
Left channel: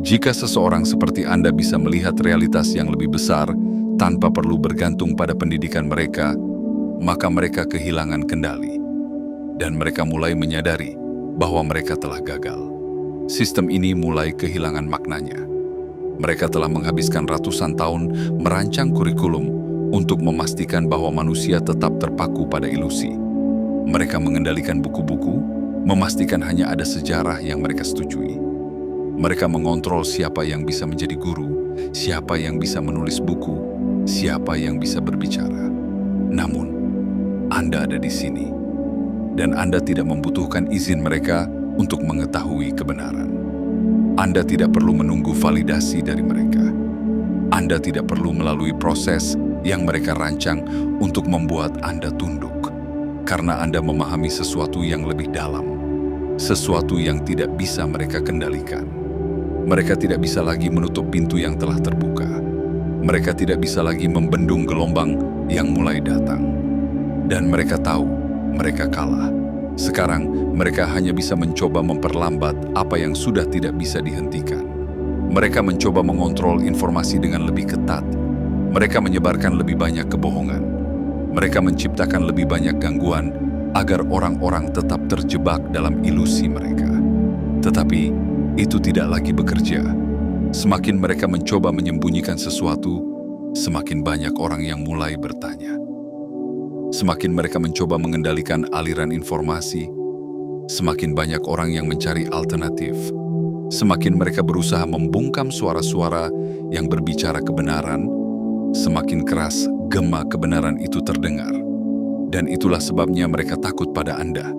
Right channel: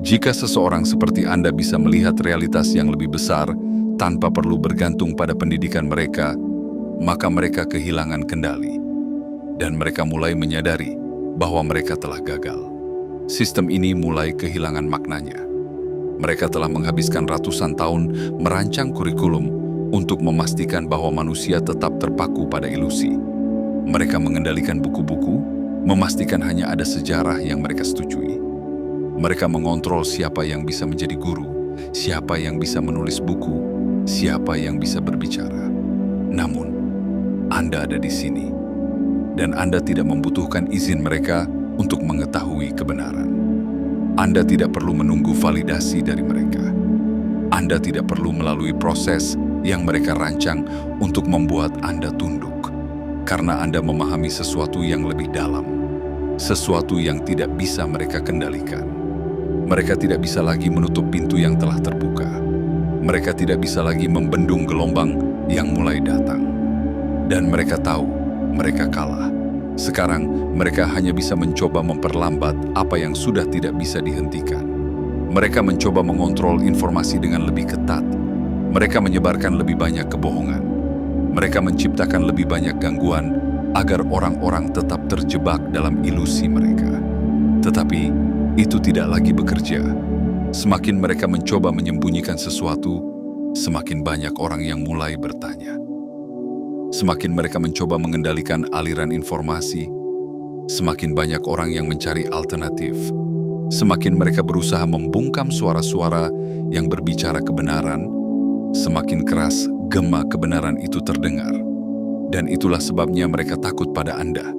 Jika seseorang seperti Anda bisa melihat realitas yang lebih besar tanpa perlu bergantung pada pendidikan mereka, maka mereka kehilangan kendali. Dan mereka mulai menyadari bahwa mereka telah gagal. Sistem ini mulai kehilangan maknanya. Mereka telah menghabiskan ratusan tahun merancang kurikulum untuk memastikan bahwa manusia tetap terpaku pada ilusi. Mereka mengendalikan buku-buku, memastikan hanya ada sejarah yang mereka setujui. Mereka mengontrol siapa yang bisa menjadi guru, siapa yang bisa menulis buku, siapa yang bisa berbicara. Namun, Anda ada di sini. Dan Anda tidak membutuhkan izin mereka untuk mengetahui kebenaran. Anda tidak perlu menunggu validasi dari mereka. Anda tidak perlu melalui proses yang mereka rancang untuk membuat Anda tunduk. Karena Anda memahami sesuatu yang lebih dalam, sesuatu yang tidak bisa mereka kendalikan. Mereka tidak bisa lagi menutup pintu yang telah terbuka. Mereka tidak bisa lagi membendung gelombang yang mulai datang. Dan mereka tahu mereka kalah. Sekarang, mereka hanya bisa mencoba memperlambat apa yang sudah tidak bisa dihentikan. Mereka mencoba mengontrol informasi dengan lebih ketat. Mereka menyebarkan lebih banyak kebohongan. Mereka menciptakan lebih banyak gangguan agar orang-orang tetap terjebak dalam ilusi mereka. Tetapi, itu tidak lagi bekerja. Semakin mereka mencoba menyembunyikan sesuatu, semakin banyak orang yang mulai bertanya. Semakin mereka mencoba mengendalikan aliran informasi, semakin banyak orang yang mencari alternatif. Semakin mereka berusaha membungkam suara-suara yang berbicara kebenaran, semakin keras gema kebenaran itu terdengar. Dan itulah sebabnya mereka takut pada Anda.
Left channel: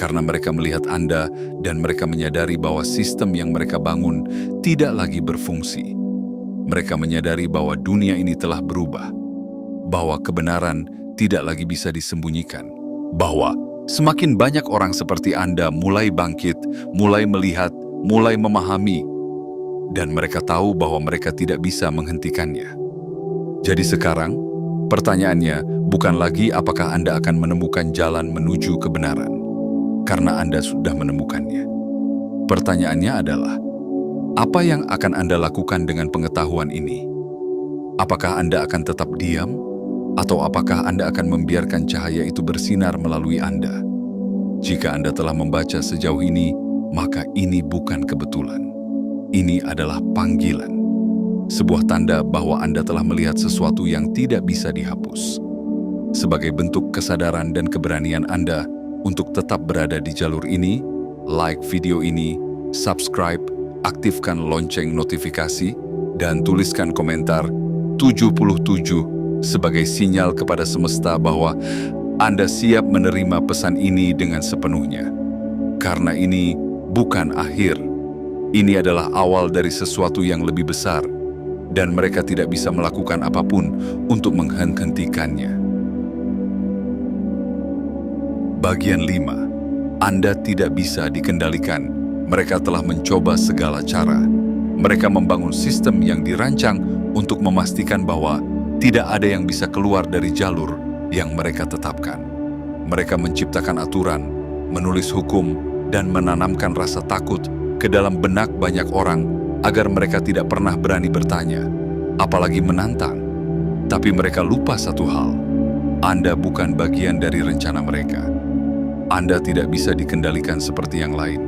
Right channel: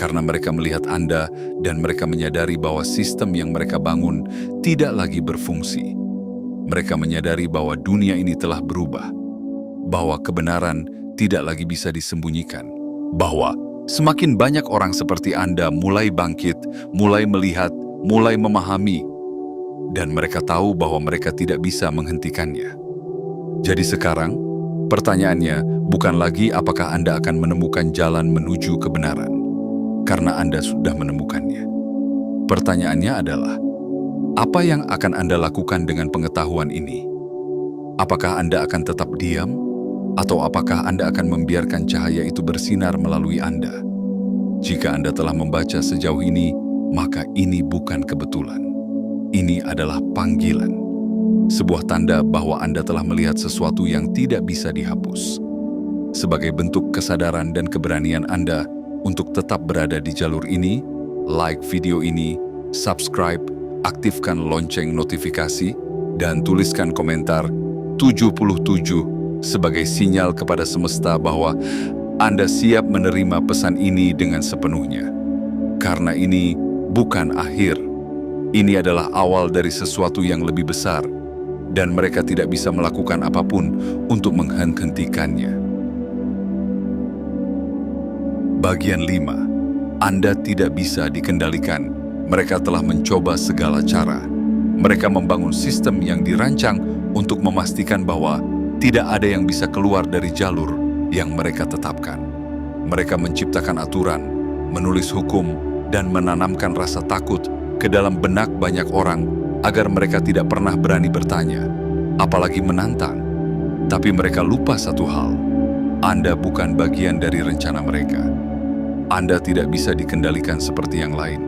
Karena mereka melihat Anda dan mereka menyadari bahwa sistem yang mereka bangun tidak lagi berfungsi. Mereka menyadari bahwa dunia ini telah berubah, bahwa kebenaran tidak lagi bisa disembunyikan, bahwa semakin banyak orang seperti Anda mulai bangkit, mulai melihat, mulai memahami, dan mereka tahu bahwa mereka tidak bisa menghentikannya. Jadi sekarang, pertanyaannya bukan lagi apakah Anda akan menemukan jalan menuju kebenaran, karena Anda sudah menemukannya. Pertanyaannya adalah, apa yang akan Anda lakukan dengan pengetahuan ini? Apakah Anda akan tetap diam? Atau apakah Anda akan membiarkan cahaya itu bersinar melalui Anda? Jika Anda telah membaca sejauh ini, maka ini bukan kebetulan. Ini adalah panggilan. Sebuah tanda bahwa Anda telah melihat sesuatu yang tidak bisa dihapus. Sebagai bentuk kesadaran dan keberanian Anda untuk tetap berada di jalur ini, like video ini, subscribe, aktifkan lonceng notifikasi, dan tuliskan komentar 77 sebagai sinyal kepada semesta bahwa Anda siap menerima pesan ini dengan sepenuhnya. Karena ini bukan akhir. Ini adalah awal dari sesuatu yang lebih besar, dan mereka tidak bisa melakukan apapun untuk menghentikannya. Bagian 5. Anda tidak bisa dikendalikan. Mereka telah mencoba segala cara. Mereka membangun sistem yang dirancang untuk memastikan bahwa tidak ada yang bisa keluar dari jalur yang mereka tetapkan. Mereka menciptakan aturan, menulis hukum, dan menanamkan rasa takut ke dalam benak banyak orang agar mereka tidak pernah berani bertanya, apalagi menantang. Tapi mereka lupa satu hal, Anda bukan bagian dari rencana mereka. Anda tidak bisa dikendalikan seperti yang lain.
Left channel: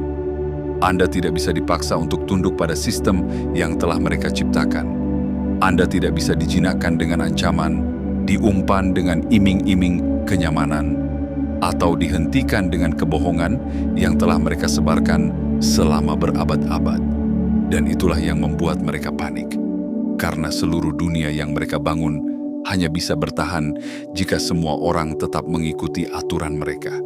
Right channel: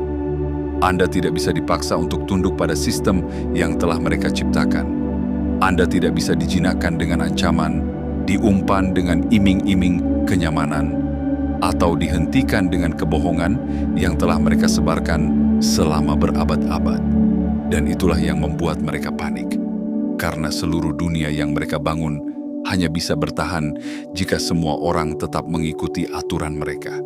Anda tidak bisa dipaksa untuk tunduk pada sistem yang telah mereka ciptakan. Anda tidak bisa dijinakkan dengan ancaman, diumpan dengan iming-iming kenyamanan, atau dihentikan dengan kebohongan yang telah mereka sebarkan selama berabad-abad. Dan itulah yang membuat mereka panik, karena seluruh dunia yang mereka bangun hanya bisa bertahan jika semua orang tetap mengikuti aturan mereka.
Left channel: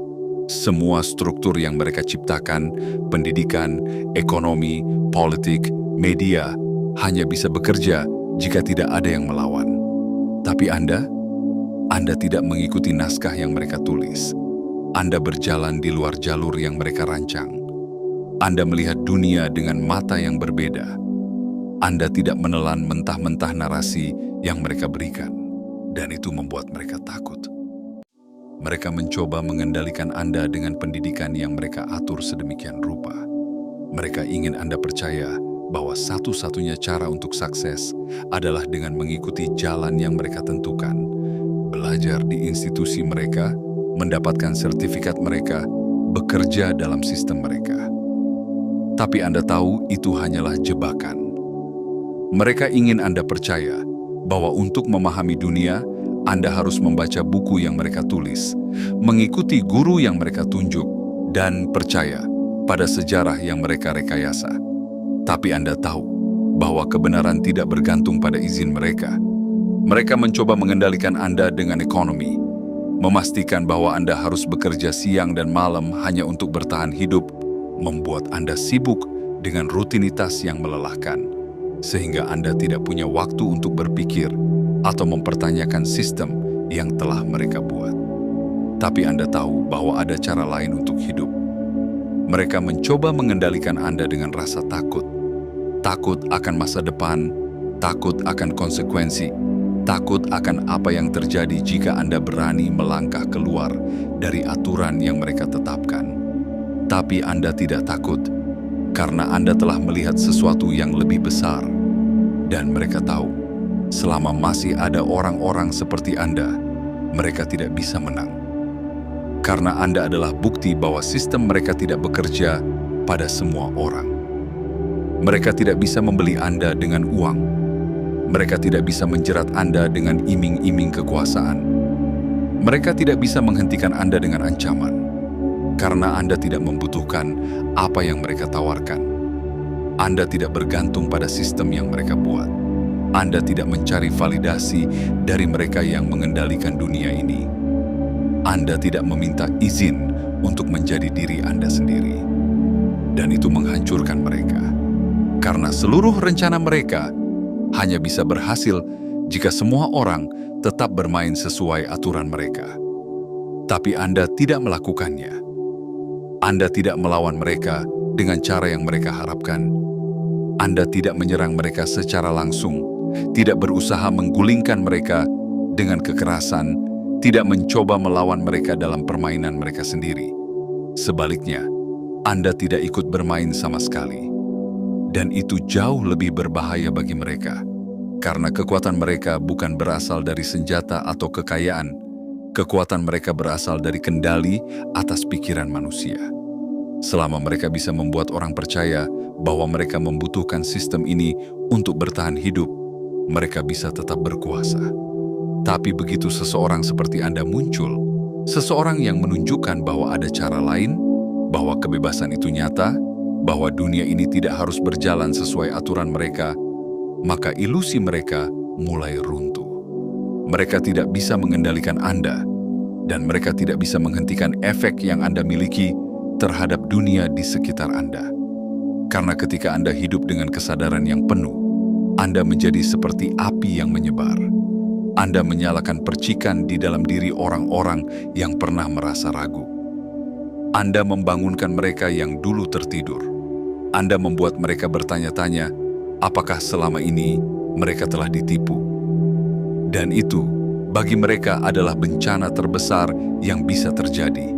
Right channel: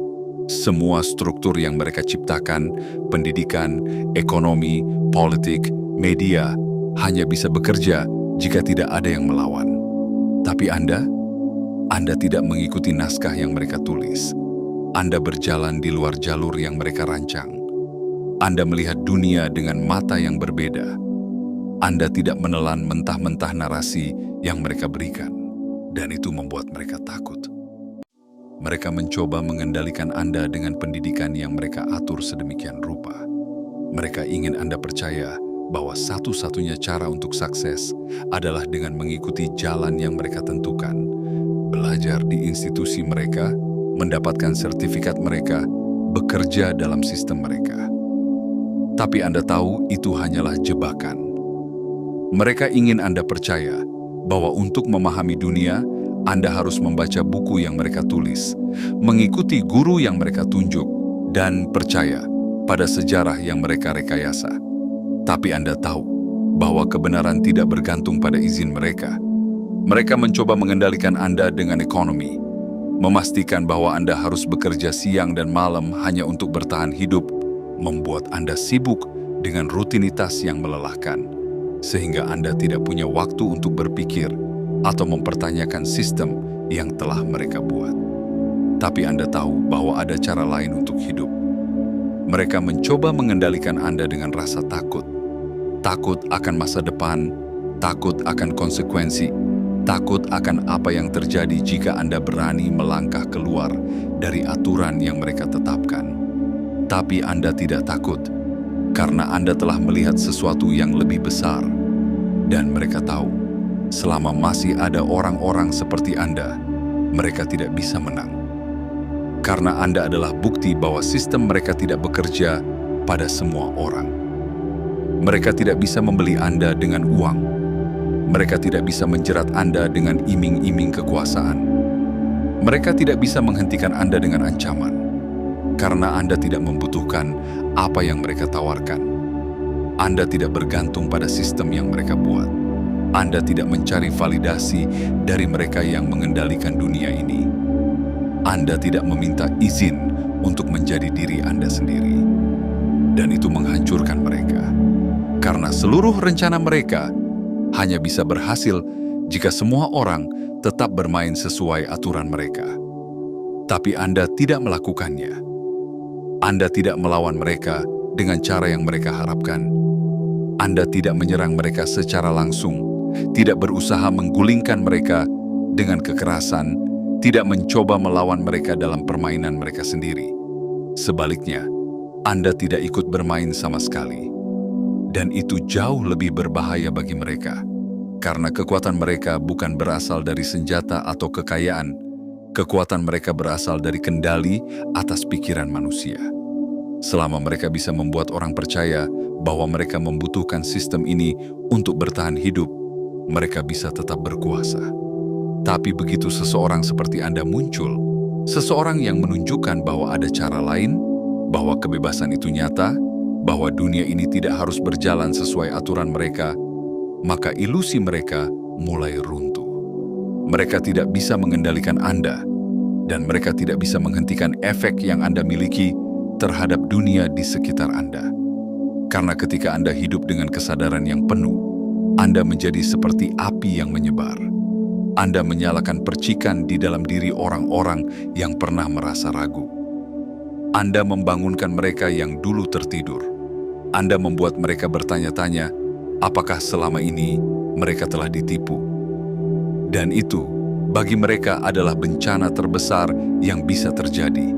Semua struktur yang mereka ciptakan, pendidikan, ekonomi, politik, media, hanya bisa bekerja jika tidak ada yang melawan. Tapi Anda tidak mengikuti naskah yang mereka tulis. Anda berjalan di luar jalur yang mereka rancang. Anda melihat dunia dengan mata yang berbeda. Anda tidak menelan mentah-mentah narasi yang mereka berikan, dan itu membuat mereka takut. Mereka mencoba mengendalikan Anda dengan pendidikan yang mereka atur sedemikian rupa. Mereka ingin Anda percaya bahwa satu-satunya cara untuk sukses adalah dengan mengikuti jalan yang mereka tentukan, belajar di institusi mereka, mendapatkan sertifikat mereka, bekerja dalam sistem mereka. Tapi Anda tahu itu hanyalah jebakan. Mereka ingin Anda percaya bahwa untuk memahami dunia, Anda harus membaca buku yang mereka tulis, mengikuti guru yang mereka tunjuk, dan percaya pada sejarah yang mereka rekayasa. Tapi Anda tahu bahwa kebenaran tidak bergantung pada izin mereka. Mereka mencoba mengendalikan Anda dengan ekonomi, memastikan bahwa Anda harus bekerja siang dan malam hanya untuk bertahan hidup, membuat Anda sibuk dengan rutinitas yang melelahkan, sehingga Anda tidak punya waktu untuk berpikir atau mempertanyakan sistem yang telah mereka buat. Tapi Anda tahu bahwa ada cara lain untuk hidup. Mereka mencoba mengendalikan Anda dengan rasa takut. Takut akan masa depan, takut akan konsekuensi, takut akan apa yang terjadi jika Anda berani melangkah keluar dari aturan yang mereka tetapkan. Tapi Anda tidak takut, karena Anda telah melihat sesuatu yang lebih besar. Dan mereka tahu, selama masih ada orang-orang seperti Anda, mereka tidak bisa menang. Karena Anda adalah bukti bahwa sistem mereka tidak bekerja pada semua orang. Mereka tidak bisa membeli Anda dengan uang. Mereka tidak bisa menjerat Anda dengan iming-iming kekuasaan. Mereka tidak bisa menghentikan Anda dengan ancaman, karena Anda tidak membutuhkan apa yang mereka tawarkan. Anda tidak bergantung pada sistem yang mereka buat. Anda tidak mencari validasi dari mereka yang mengendalikan dunia ini. Anda tidak meminta izin untuk menjadi diri Anda sendiri. Dan itu menghancurkan mereka. Karena seluruh rencana mereka hanya bisa berhasil jika semua orang tetap bermain sesuai aturan mereka. Tapi Anda tidak melakukannya. Anda tidak melawan mereka dengan cara yang mereka harapkan. Anda tidak menyerang mereka secara langsung, tidak berusaha menggulingkan mereka dengan kekerasan, tidak mencoba melawan mereka dalam permainan mereka sendiri. Sebaliknya, Anda tidak ikut bermain sama sekali. Dan itu jauh lebih berbahaya bagi mereka, karena kekuatan mereka bukan berasal dari senjata atau kekayaan. Kekuatan mereka berasal dari kendali atas pikiran manusia. Selama mereka bisa membuat orang percaya bahwa mereka membutuhkan sistem ini untuk bertahan hidup, mereka bisa tetap berkuasa. Tapi begitu seseorang seperti Anda muncul, seseorang yang menunjukkan bahwa ada cara lain, bahwa kebebasan itu nyata, bahwa dunia ini tidak harus berjalan sesuai aturan mereka, maka ilusi mereka mulai runtuh. Mereka tidak bisa mengendalikan Anda, dan mereka tidak bisa menghentikan efek yang Anda miliki terhadap dunia di sekitar Anda. Karena ketika Anda hidup dengan kesadaran yang penuh, Anda menjadi seperti api yang menyebar. Anda menyalakan percikan di dalam diri orang-orang yang pernah merasa ragu. Anda membangunkan mereka yang dulu tertidur. Anda membuat mereka bertanya-tanya, apakah selama ini mereka telah ditipu? Dan itu, bagi mereka adalah bencana terbesar yang bisa terjadi.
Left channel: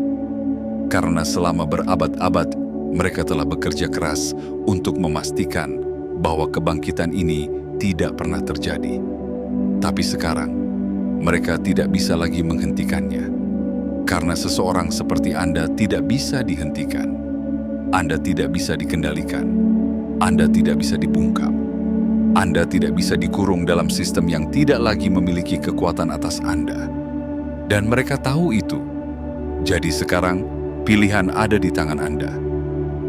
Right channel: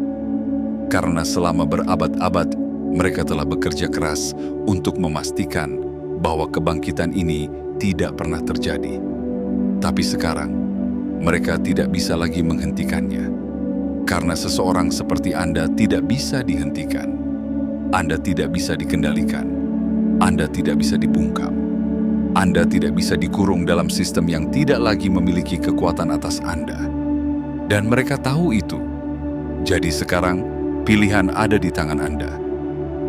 Karena selama berabad-abad, mereka telah bekerja keras untuk memastikan bahwa kebangkitan ini tidak pernah terjadi. Tapi sekarang, mereka tidak bisa lagi menghentikannya. Karena seseorang seperti Anda tidak bisa dihentikan. Anda tidak bisa dikendalikan. Anda tidak bisa dibungkam. Anda tidak bisa dikurung dalam sistem yang tidak lagi memiliki kekuatan atas Anda. Dan mereka tahu itu. Jadi sekarang, pilihan ada di tangan Anda.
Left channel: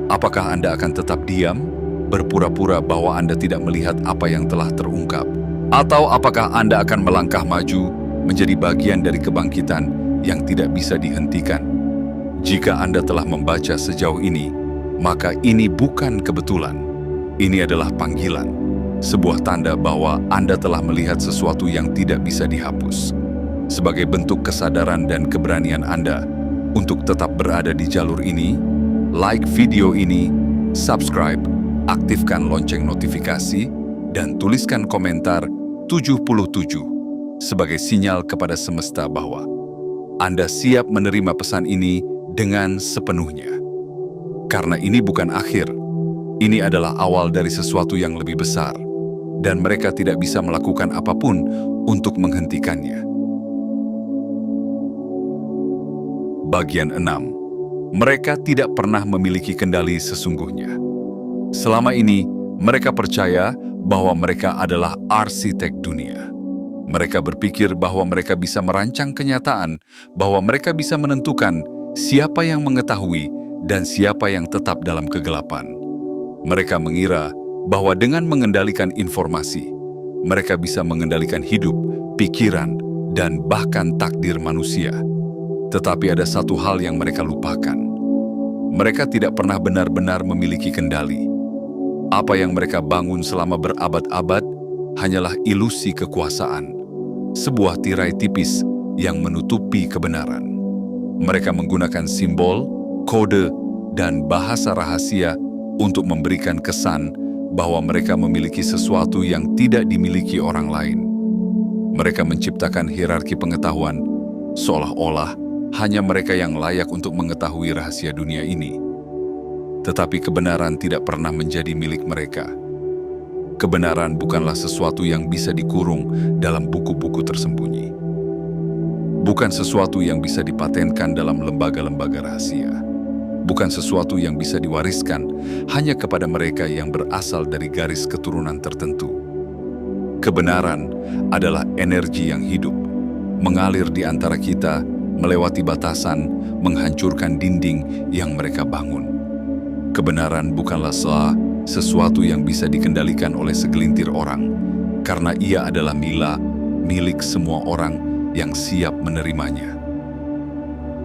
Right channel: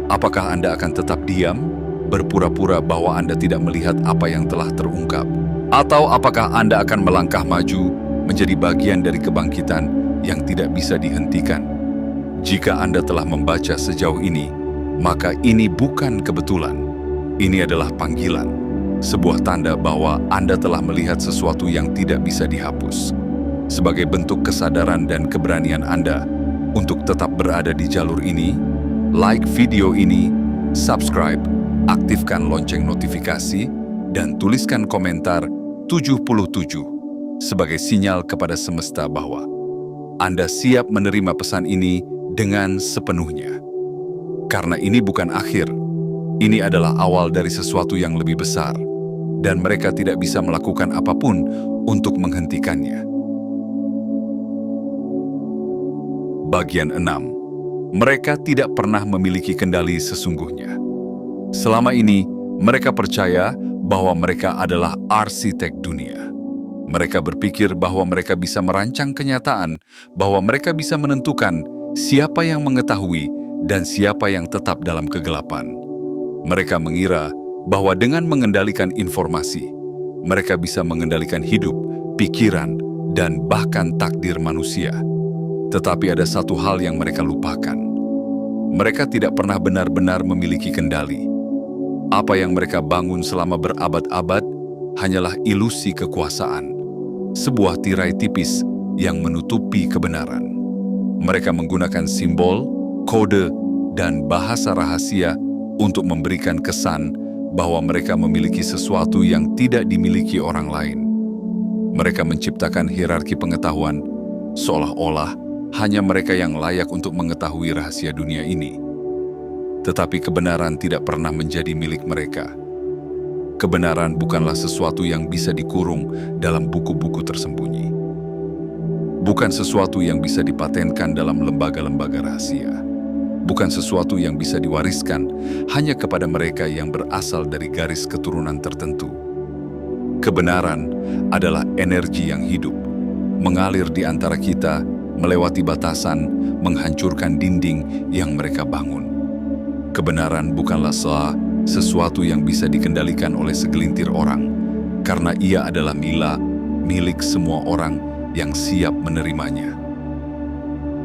Apakah Anda akan tetap diam, berpura-pura bahwa Anda tidak melihat apa yang telah terungkap? Atau apakah Anda akan melangkah maju, menjadi bagian dari kebangkitan yang tidak bisa dihentikan? Jika Anda telah membaca sejauh ini, maka ini bukan kebetulan. Ini adalah panggilan, sebuah tanda bahwa Anda telah melihat sesuatu yang tidak bisa dihapus. Sebagai bentuk kesadaran dan keberanian Anda untuk tetap berada di jalur ini, like video ini, subscribe, aktifkan lonceng notifikasi, dan tuliskan komentar 77 sebagai sinyal kepada semesta bahwa Anda siap menerima pesan ini dengan sepenuhnya. Karena ini bukan akhir, ini adalah awal dari sesuatu yang lebih besar, dan mereka tidak bisa melakukan apapun untuk menghentikannya. Bagian 6. Mereka tidak pernah memiliki kendali sesungguhnya. Selama ini, mereka percaya bahwa mereka adalah arsitek dunia. Mereka berpikir bahwa mereka bisa merancang kenyataan, bahwa mereka bisa menentukan siapa yang mengetahui dan siapa yang tetap dalam kegelapan. Mereka mengira bahwa dengan mengendalikan informasi, mereka bisa mengendalikan hidup, pikiran, dan bahkan takdir manusia. Tetapi ada satu hal yang mereka lupakan. Mereka tidak pernah benar-benar memiliki kendali. Apa yang mereka bangun selama berabad-abad hanyalah ilusi kekuasaan, sebuah tirai tipis yang menutupi kebenaran. Mereka menggunakan simbol, kode, dan bahasa rahasia untuk memberikan kesan bahwa mereka memiliki sesuatu yang tidak dimiliki orang lain. Mereka menciptakan hierarki pengetahuan, seolah-olah hanya mereka yang layak untuk mengetahui rahasia dunia ini. Tetapi kebenaran tidak pernah menjadi milik mereka. Kebenaran bukanlah sesuatu yang bisa dikurung dalam buku-buku tersembunyi. Bukan sesuatu yang bisa dipatenkan dalam lembaga-lembaga rahasia. Bukan sesuatu yang bisa diwariskan hanya kepada mereka yang berasal dari garis keturunan tertentu. Kebenaran adalah energi yang hidup, mengalir di antara kita, melewati batasan, menghancurkan dinding yang mereka bangun. Kebenaran bukanlah sesuatu yang bisa dikendalikan oleh segelintir orang, karena ia adalah milik semua orang yang siap menerimanya.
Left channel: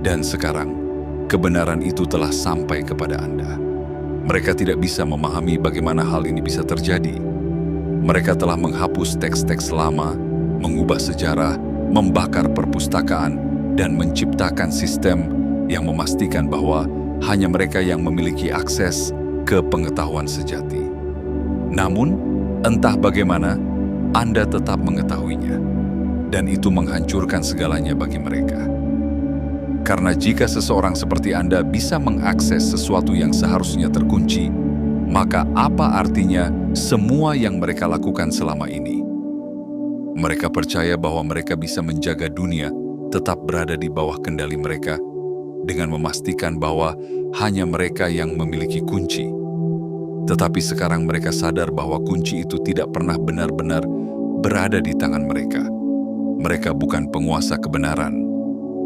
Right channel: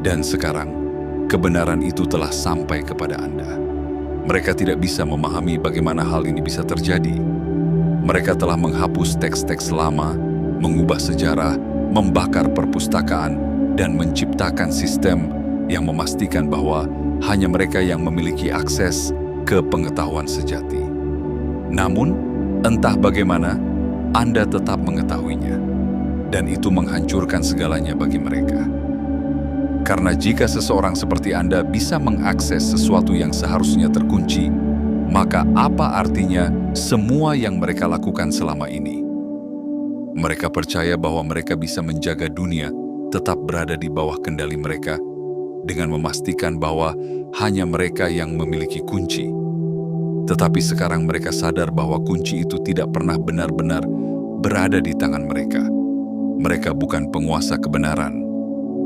Dan sekarang, kebenaran itu telah sampai kepada Anda. Mereka tidak bisa memahami bagaimana hal ini bisa terjadi. Mereka telah menghapus teks-teks lama, mengubah sejarah, membakar perpustakaan, dan menciptakan sistem yang memastikan bahwa hanya mereka yang memiliki akses ke pengetahuan sejati. Namun, entah bagaimana, Anda tetap mengetahuinya, dan itu menghancurkan segalanya bagi mereka. Karena jika seseorang seperti Anda bisa mengakses sesuatu yang seharusnya terkunci, maka apa artinya semua yang mereka lakukan selama ini? Mereka percaya bahwa mereka bisa menjaga dunia tetap berada di bawah kendali mereka, dengan memastikan bahwa hanya mereka yang memiliki kunci. Tetapi sekarang mereka sadar bahwa kunci itu tidak pernah benar-benar berada di tangan mereka. Mereka bukan penguasa kebenaran.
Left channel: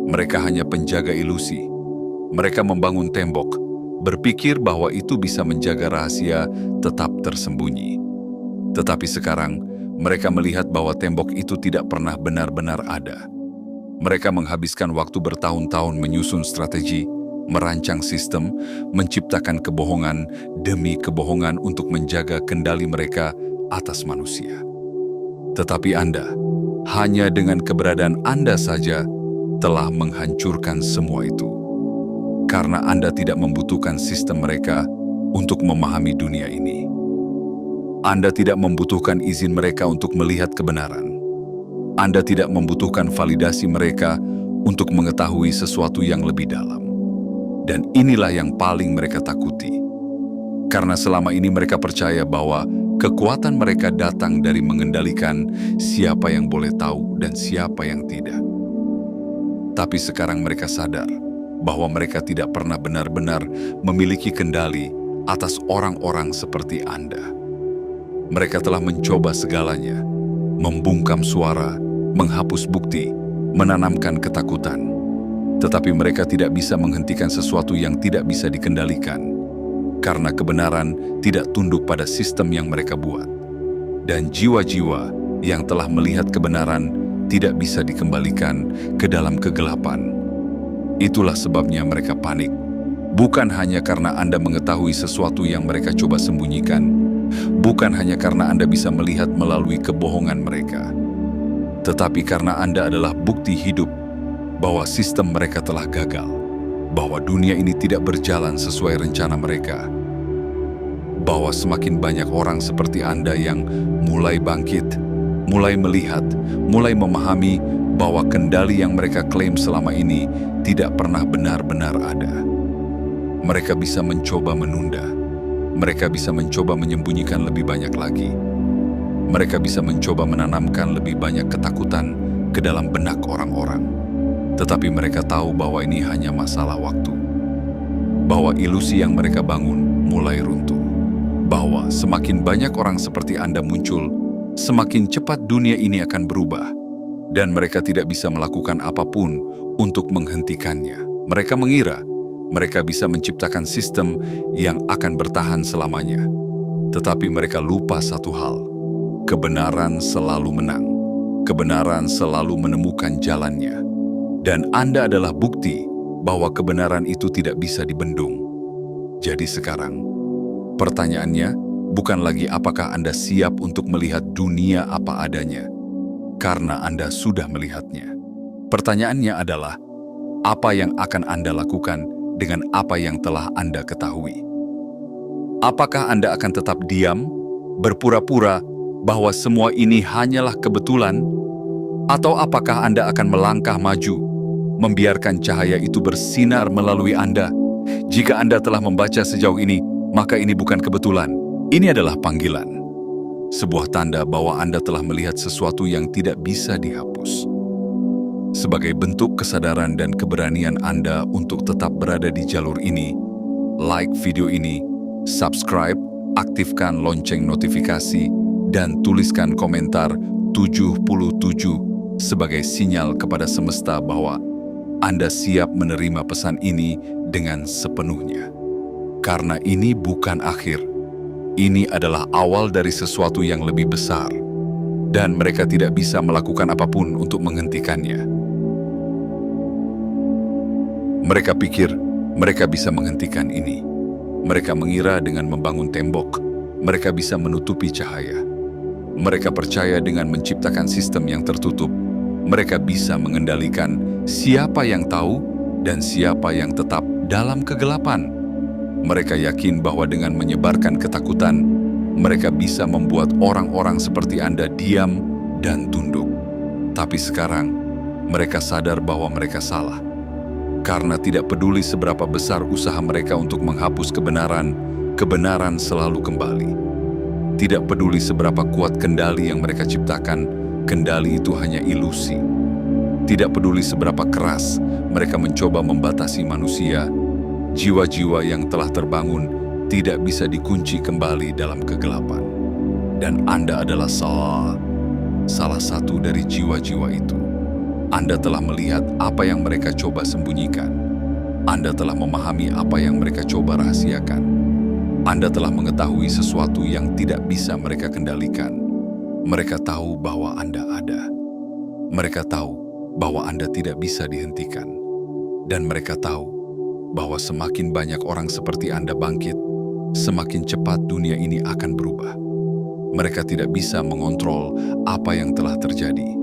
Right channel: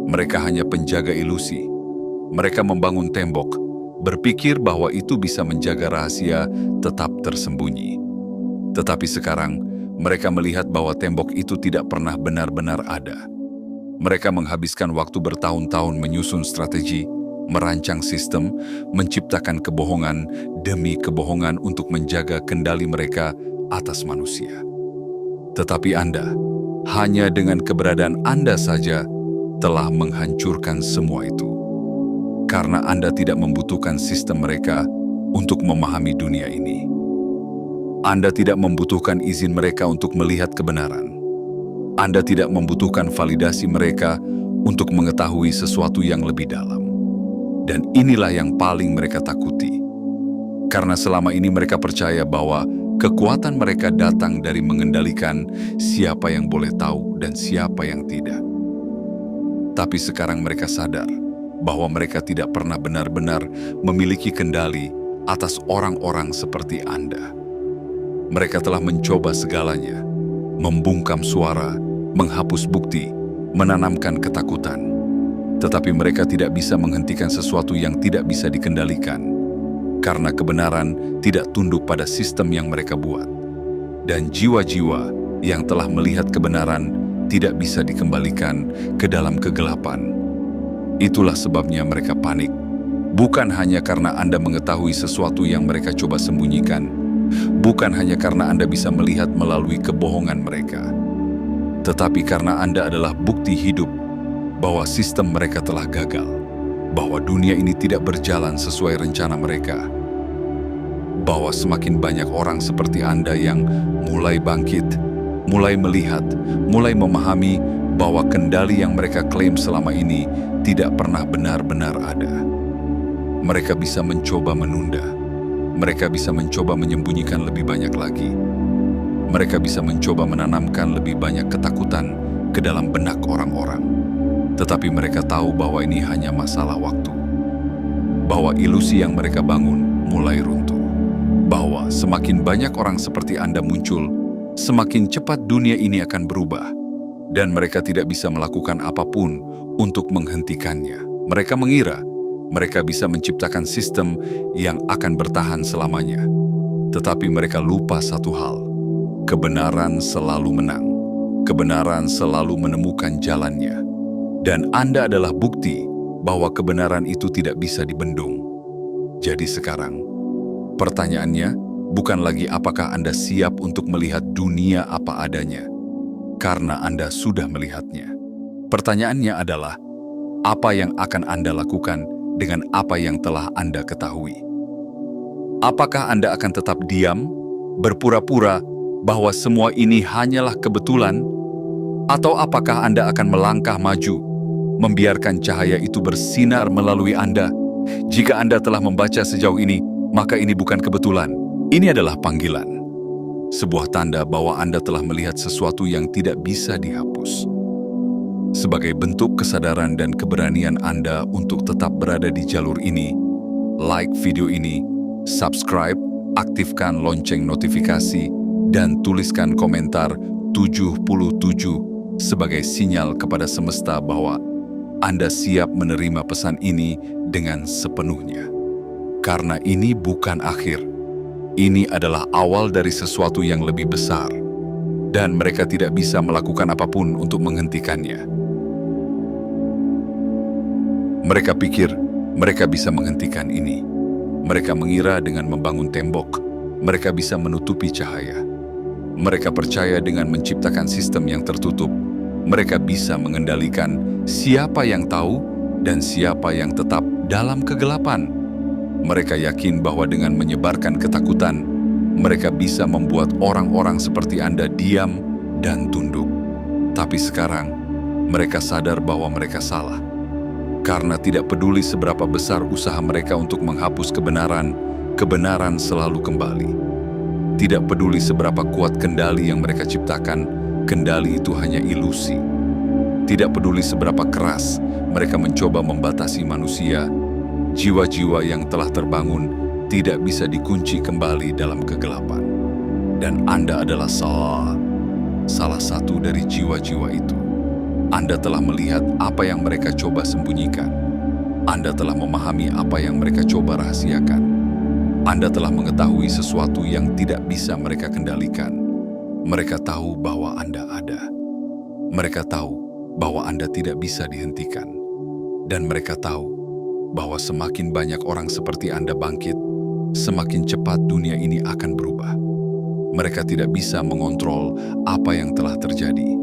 Mereka hanya penjaga ilusi. Mereka membangun tembok, berpikir bahwa itu bisa menjaga rahasia tetap tersembunyi. Tetapi sekarang, mereka melihat bahwa tembok itu tidak pernah benar-benar ada. Mereka menghabiskan waktu bertahun-tahun menyusun strategi, merancang sistem, menciptakan kebohongan demi kebohongan untuk menjaga kendali mereka atas manusia. Tetapi Anda, hanya dengan keberadaan Anda saja, telah menghancurkan semua itu. Karena Anda tidak membutuhkan sistem mereka untuk memahami dunia ini. Anda tidak membutuhkan izin mereka untuk melihat kebenaran. Anda tidak membutuhkan validasi mereka untuk mengetahui sesuatu yang lebih dalam. Dan inilah yang paling mereka takuti. Karena selama ini mereka percaya bahwa kekuatan mereka datang dari mengendalikan siapa yang boleh tahu dan siapa yang tidak. Tapi sekarang mereka sadar bahwa mereka tidak pernah benar-benar memiliki kendali atas orang-orang seperti Anda. Mereka telah mencoba segalanya, membungkam suara, menghapus bukti, menanamkan ketakutan. Tetapi mereka tidak bisa menghentikan sesuatu yang tidak bisa dikendalikan, karena kebenaran tidak tunduk pada sistem yang mereka buat. Dan jiwa-jiwa yang telah melihat kebenaran tidak bisa dikembalikan ke dalam kegelapan. Itulah sebabnya mereka panik. Bukan hanya karena Anda mengetahui sesuatu yang mereka coba sembunyikan. Bukan hanya karena Anda bisa melihat melalui kebohongan mereka. Tetapi karena Anda adalah bukti hidup bahwa sistem mereka telah gagal. Bahwa dunia ini tidak berjalan sesuai rencana mereka. Bahwa semakin banyak orang seperti Anda yang mulai bangkit, mulai melihat, mulai memahami bahwa kendali yang mereka klaim selama ini tidak pernah benar-benar ada. Mereka bisa mencoba menunda. Mereka bisa mencoba menyembunyikan lebih banyak lagi. Mereka bisa mencoba menanamkan lebih banyak ketakutan ke dalam benak orang-orang. Tetapi mereka tahu bahwa ini hanya masalah waktu. Bahwa ilusi yang mereka bangun mulai runtuh. Bahwa semakin banyak orang seperti Anda muncul, semakin cepat dunia ini akan berubah. Dan mereka tidak bisa melakukan apapun untuk menghentikannya. Mereka mengira mereka bisa menciptakan sistem yang akan bertahan selamanya. Tetapi mereka lupa satu hal. Kebenaran selalu menang. Kebenaran selalu menemukan jalannya. Dan Anda adalah bukti bahwa kebenaran itu tidak bisa dibendung. Jadi sekarang, pertanyaannya bukan lagi apakah Anda siap untuk melihat dunia apa adanya, karena Anda sudah melihatnya. Pertanyaannya adalah, apa yang akan Anda lakukan dengan apa yang telah Anda ketahui? Apakah Anda akan tetap diam, berpura-pura bahwa semua ini hanyalah kebetulan? Atau apakah Anda akan melangkah maju, membiarkan cahaya itu bersinar melalui Anda? Jika Anda telah membaca sejauh ini, maka ini bukan kebetulan. Ini adalah panggilan. Sebuah tanda bahwa Anda telah melihat sesuatu yang tidak bisa dihapus. Sebagai bentuk kesadaran dan keberanian Anda untuk tetap berada di jalur ini, like video ini, subscribe, aktifkan lonceng notifikasi, dan tuliskan komentar 77 sebagai sinyal kepada semesta bahwa Anda siap menerima pesan ini dengan sepenuhnya. Karena ini bukan akhir. Ini adalah awal dari sesuatu yang lebih besar. Dan mereka tidak bisa melakukan apapun untuk menghentikannya. Mereka pikir mereka bisa menghentikan ini. Mereka mengira dengan membangun tembok, mereka bisa menutupi cahaya. Mereka percaya dengan menciptakan sistem yang tertutup, mereka bisa mengendalikan siapa yang tahu dan siapa yang tetap dalam kegelapan. Mereka yakin bahwa dengan menyebarkan ketakutan, mereka bisa membuat orang-orang seperti Anda diam dan tunduk. Tapi sekarang, mereka sadar bahwa mereka salah. Karena tidak peduli seberapa besar usaha mereka untuk menghapus kebenaran, kebenaran selalu kembali. Tidak peduli seberapa kuat kendali yang mereka ciptakan, kendali itu hanya ilusi. Tidak peduli seberapa keras mereka mencoba membatasi manusia, jiwa-jiwa yang telah terbangun tidak bisa dikunci kembali dalam kegelapan. Dan Anda adalah salah satu dari jiwa-jiwa itu. Anda telah melihat apa yang mereka coba sembunyikan. Anda telah memahami apa yang mereka coba rahasiakan. Anda telah mengetahui sesuatu yang tidak bisa mereka kendalikan. Mereka tahu bahwa Anda ada. Mereka tahu bahwa Anda tidak bisa dihentikan. Dan mereka tahu bahwa semakin banyak orang seperti Anda bangkit, semakin cepat dunia ini akan berubah. Mereka tidak bisa mengontrol apa yang telah terjadi.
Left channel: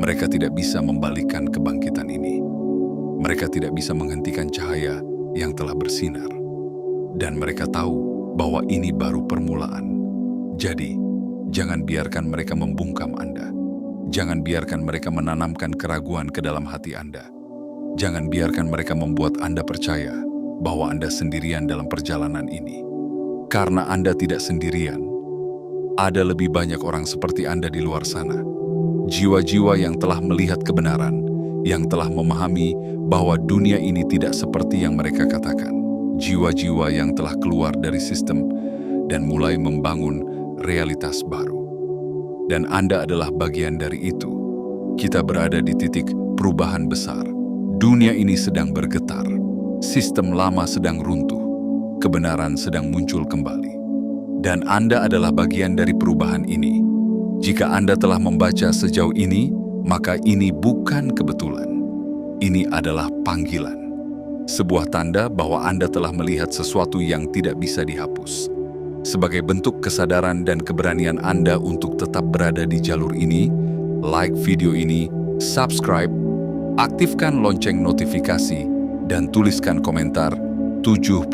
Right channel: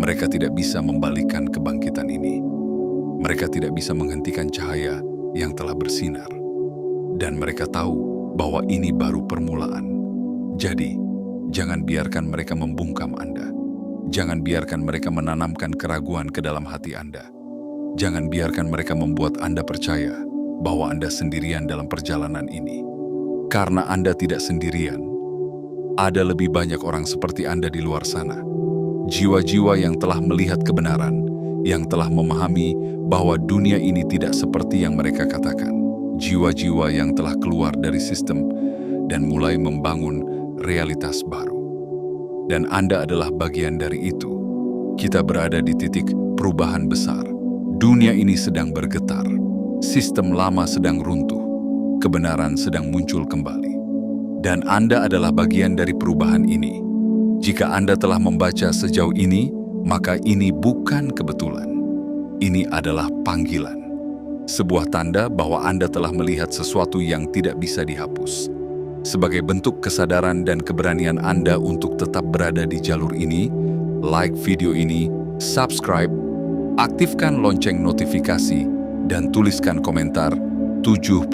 Mereka tidak bisa membalikkan kebangkitan ini. Mereka tidak bisa menghentikan cahaya yang telah bersinar. Dan mereka tahu bahwa ini baru permulaan. Jadi, jangan biarkan mereka membungkam Anda. Jangan biarkan mereka menanamkan keraguan ke dalam hati Anda. Jangan biarkan mereka membuat Anda percaya bahwa Anda sendirian dalam perjalanan ini. Karena Anda tidak sendirian. Ada lebih banyak orang seperti Anda di luar sana. Jiwa-jiwa yang telah melihat kebenaran, yang telah memahami bahwa dunia ini tidak seperti yang mereka katakan. Jiwa-jiwa yang telah keluar dari sistem dan mulai membangun realitas baru. Dan Anda adalah bagian dari itu. Kita berada di titik perubahan besar. Dunia ini sedang bergetar. Sistem lama sedang runtuh. Kebenaran sedang muncul kembali. Dan Anda adalah bagian dari perubahan ini. Jika Anda telah membaca sejauh ini, maka ini bukan kebetulan. Ini adalah panggilan. Sebuah tanda bahwa Anda telah melihat sesuatu yang tidak bisa dihapus. Sebagai bentuk kesadaran dan keberanian Anda untuk tetap berada di jalur ini, like video ini, subscribe, aktifkan lonceng notifikasi, dan tuliskan komentar 77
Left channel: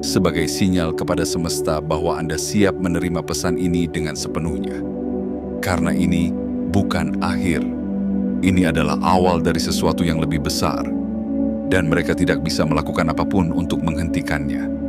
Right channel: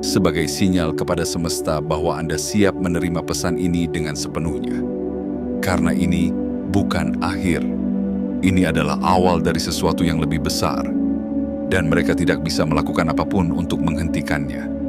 sebagai sinyal kepada semesta bahwa Anda siap menerima pesan ini dengan sepenuhnya. Karena ini bukan akhir. Ini adalah awal dari sesuatu yang lebih besar, dan mereka tidak bisa melakukan apapun untuk menghentikannya.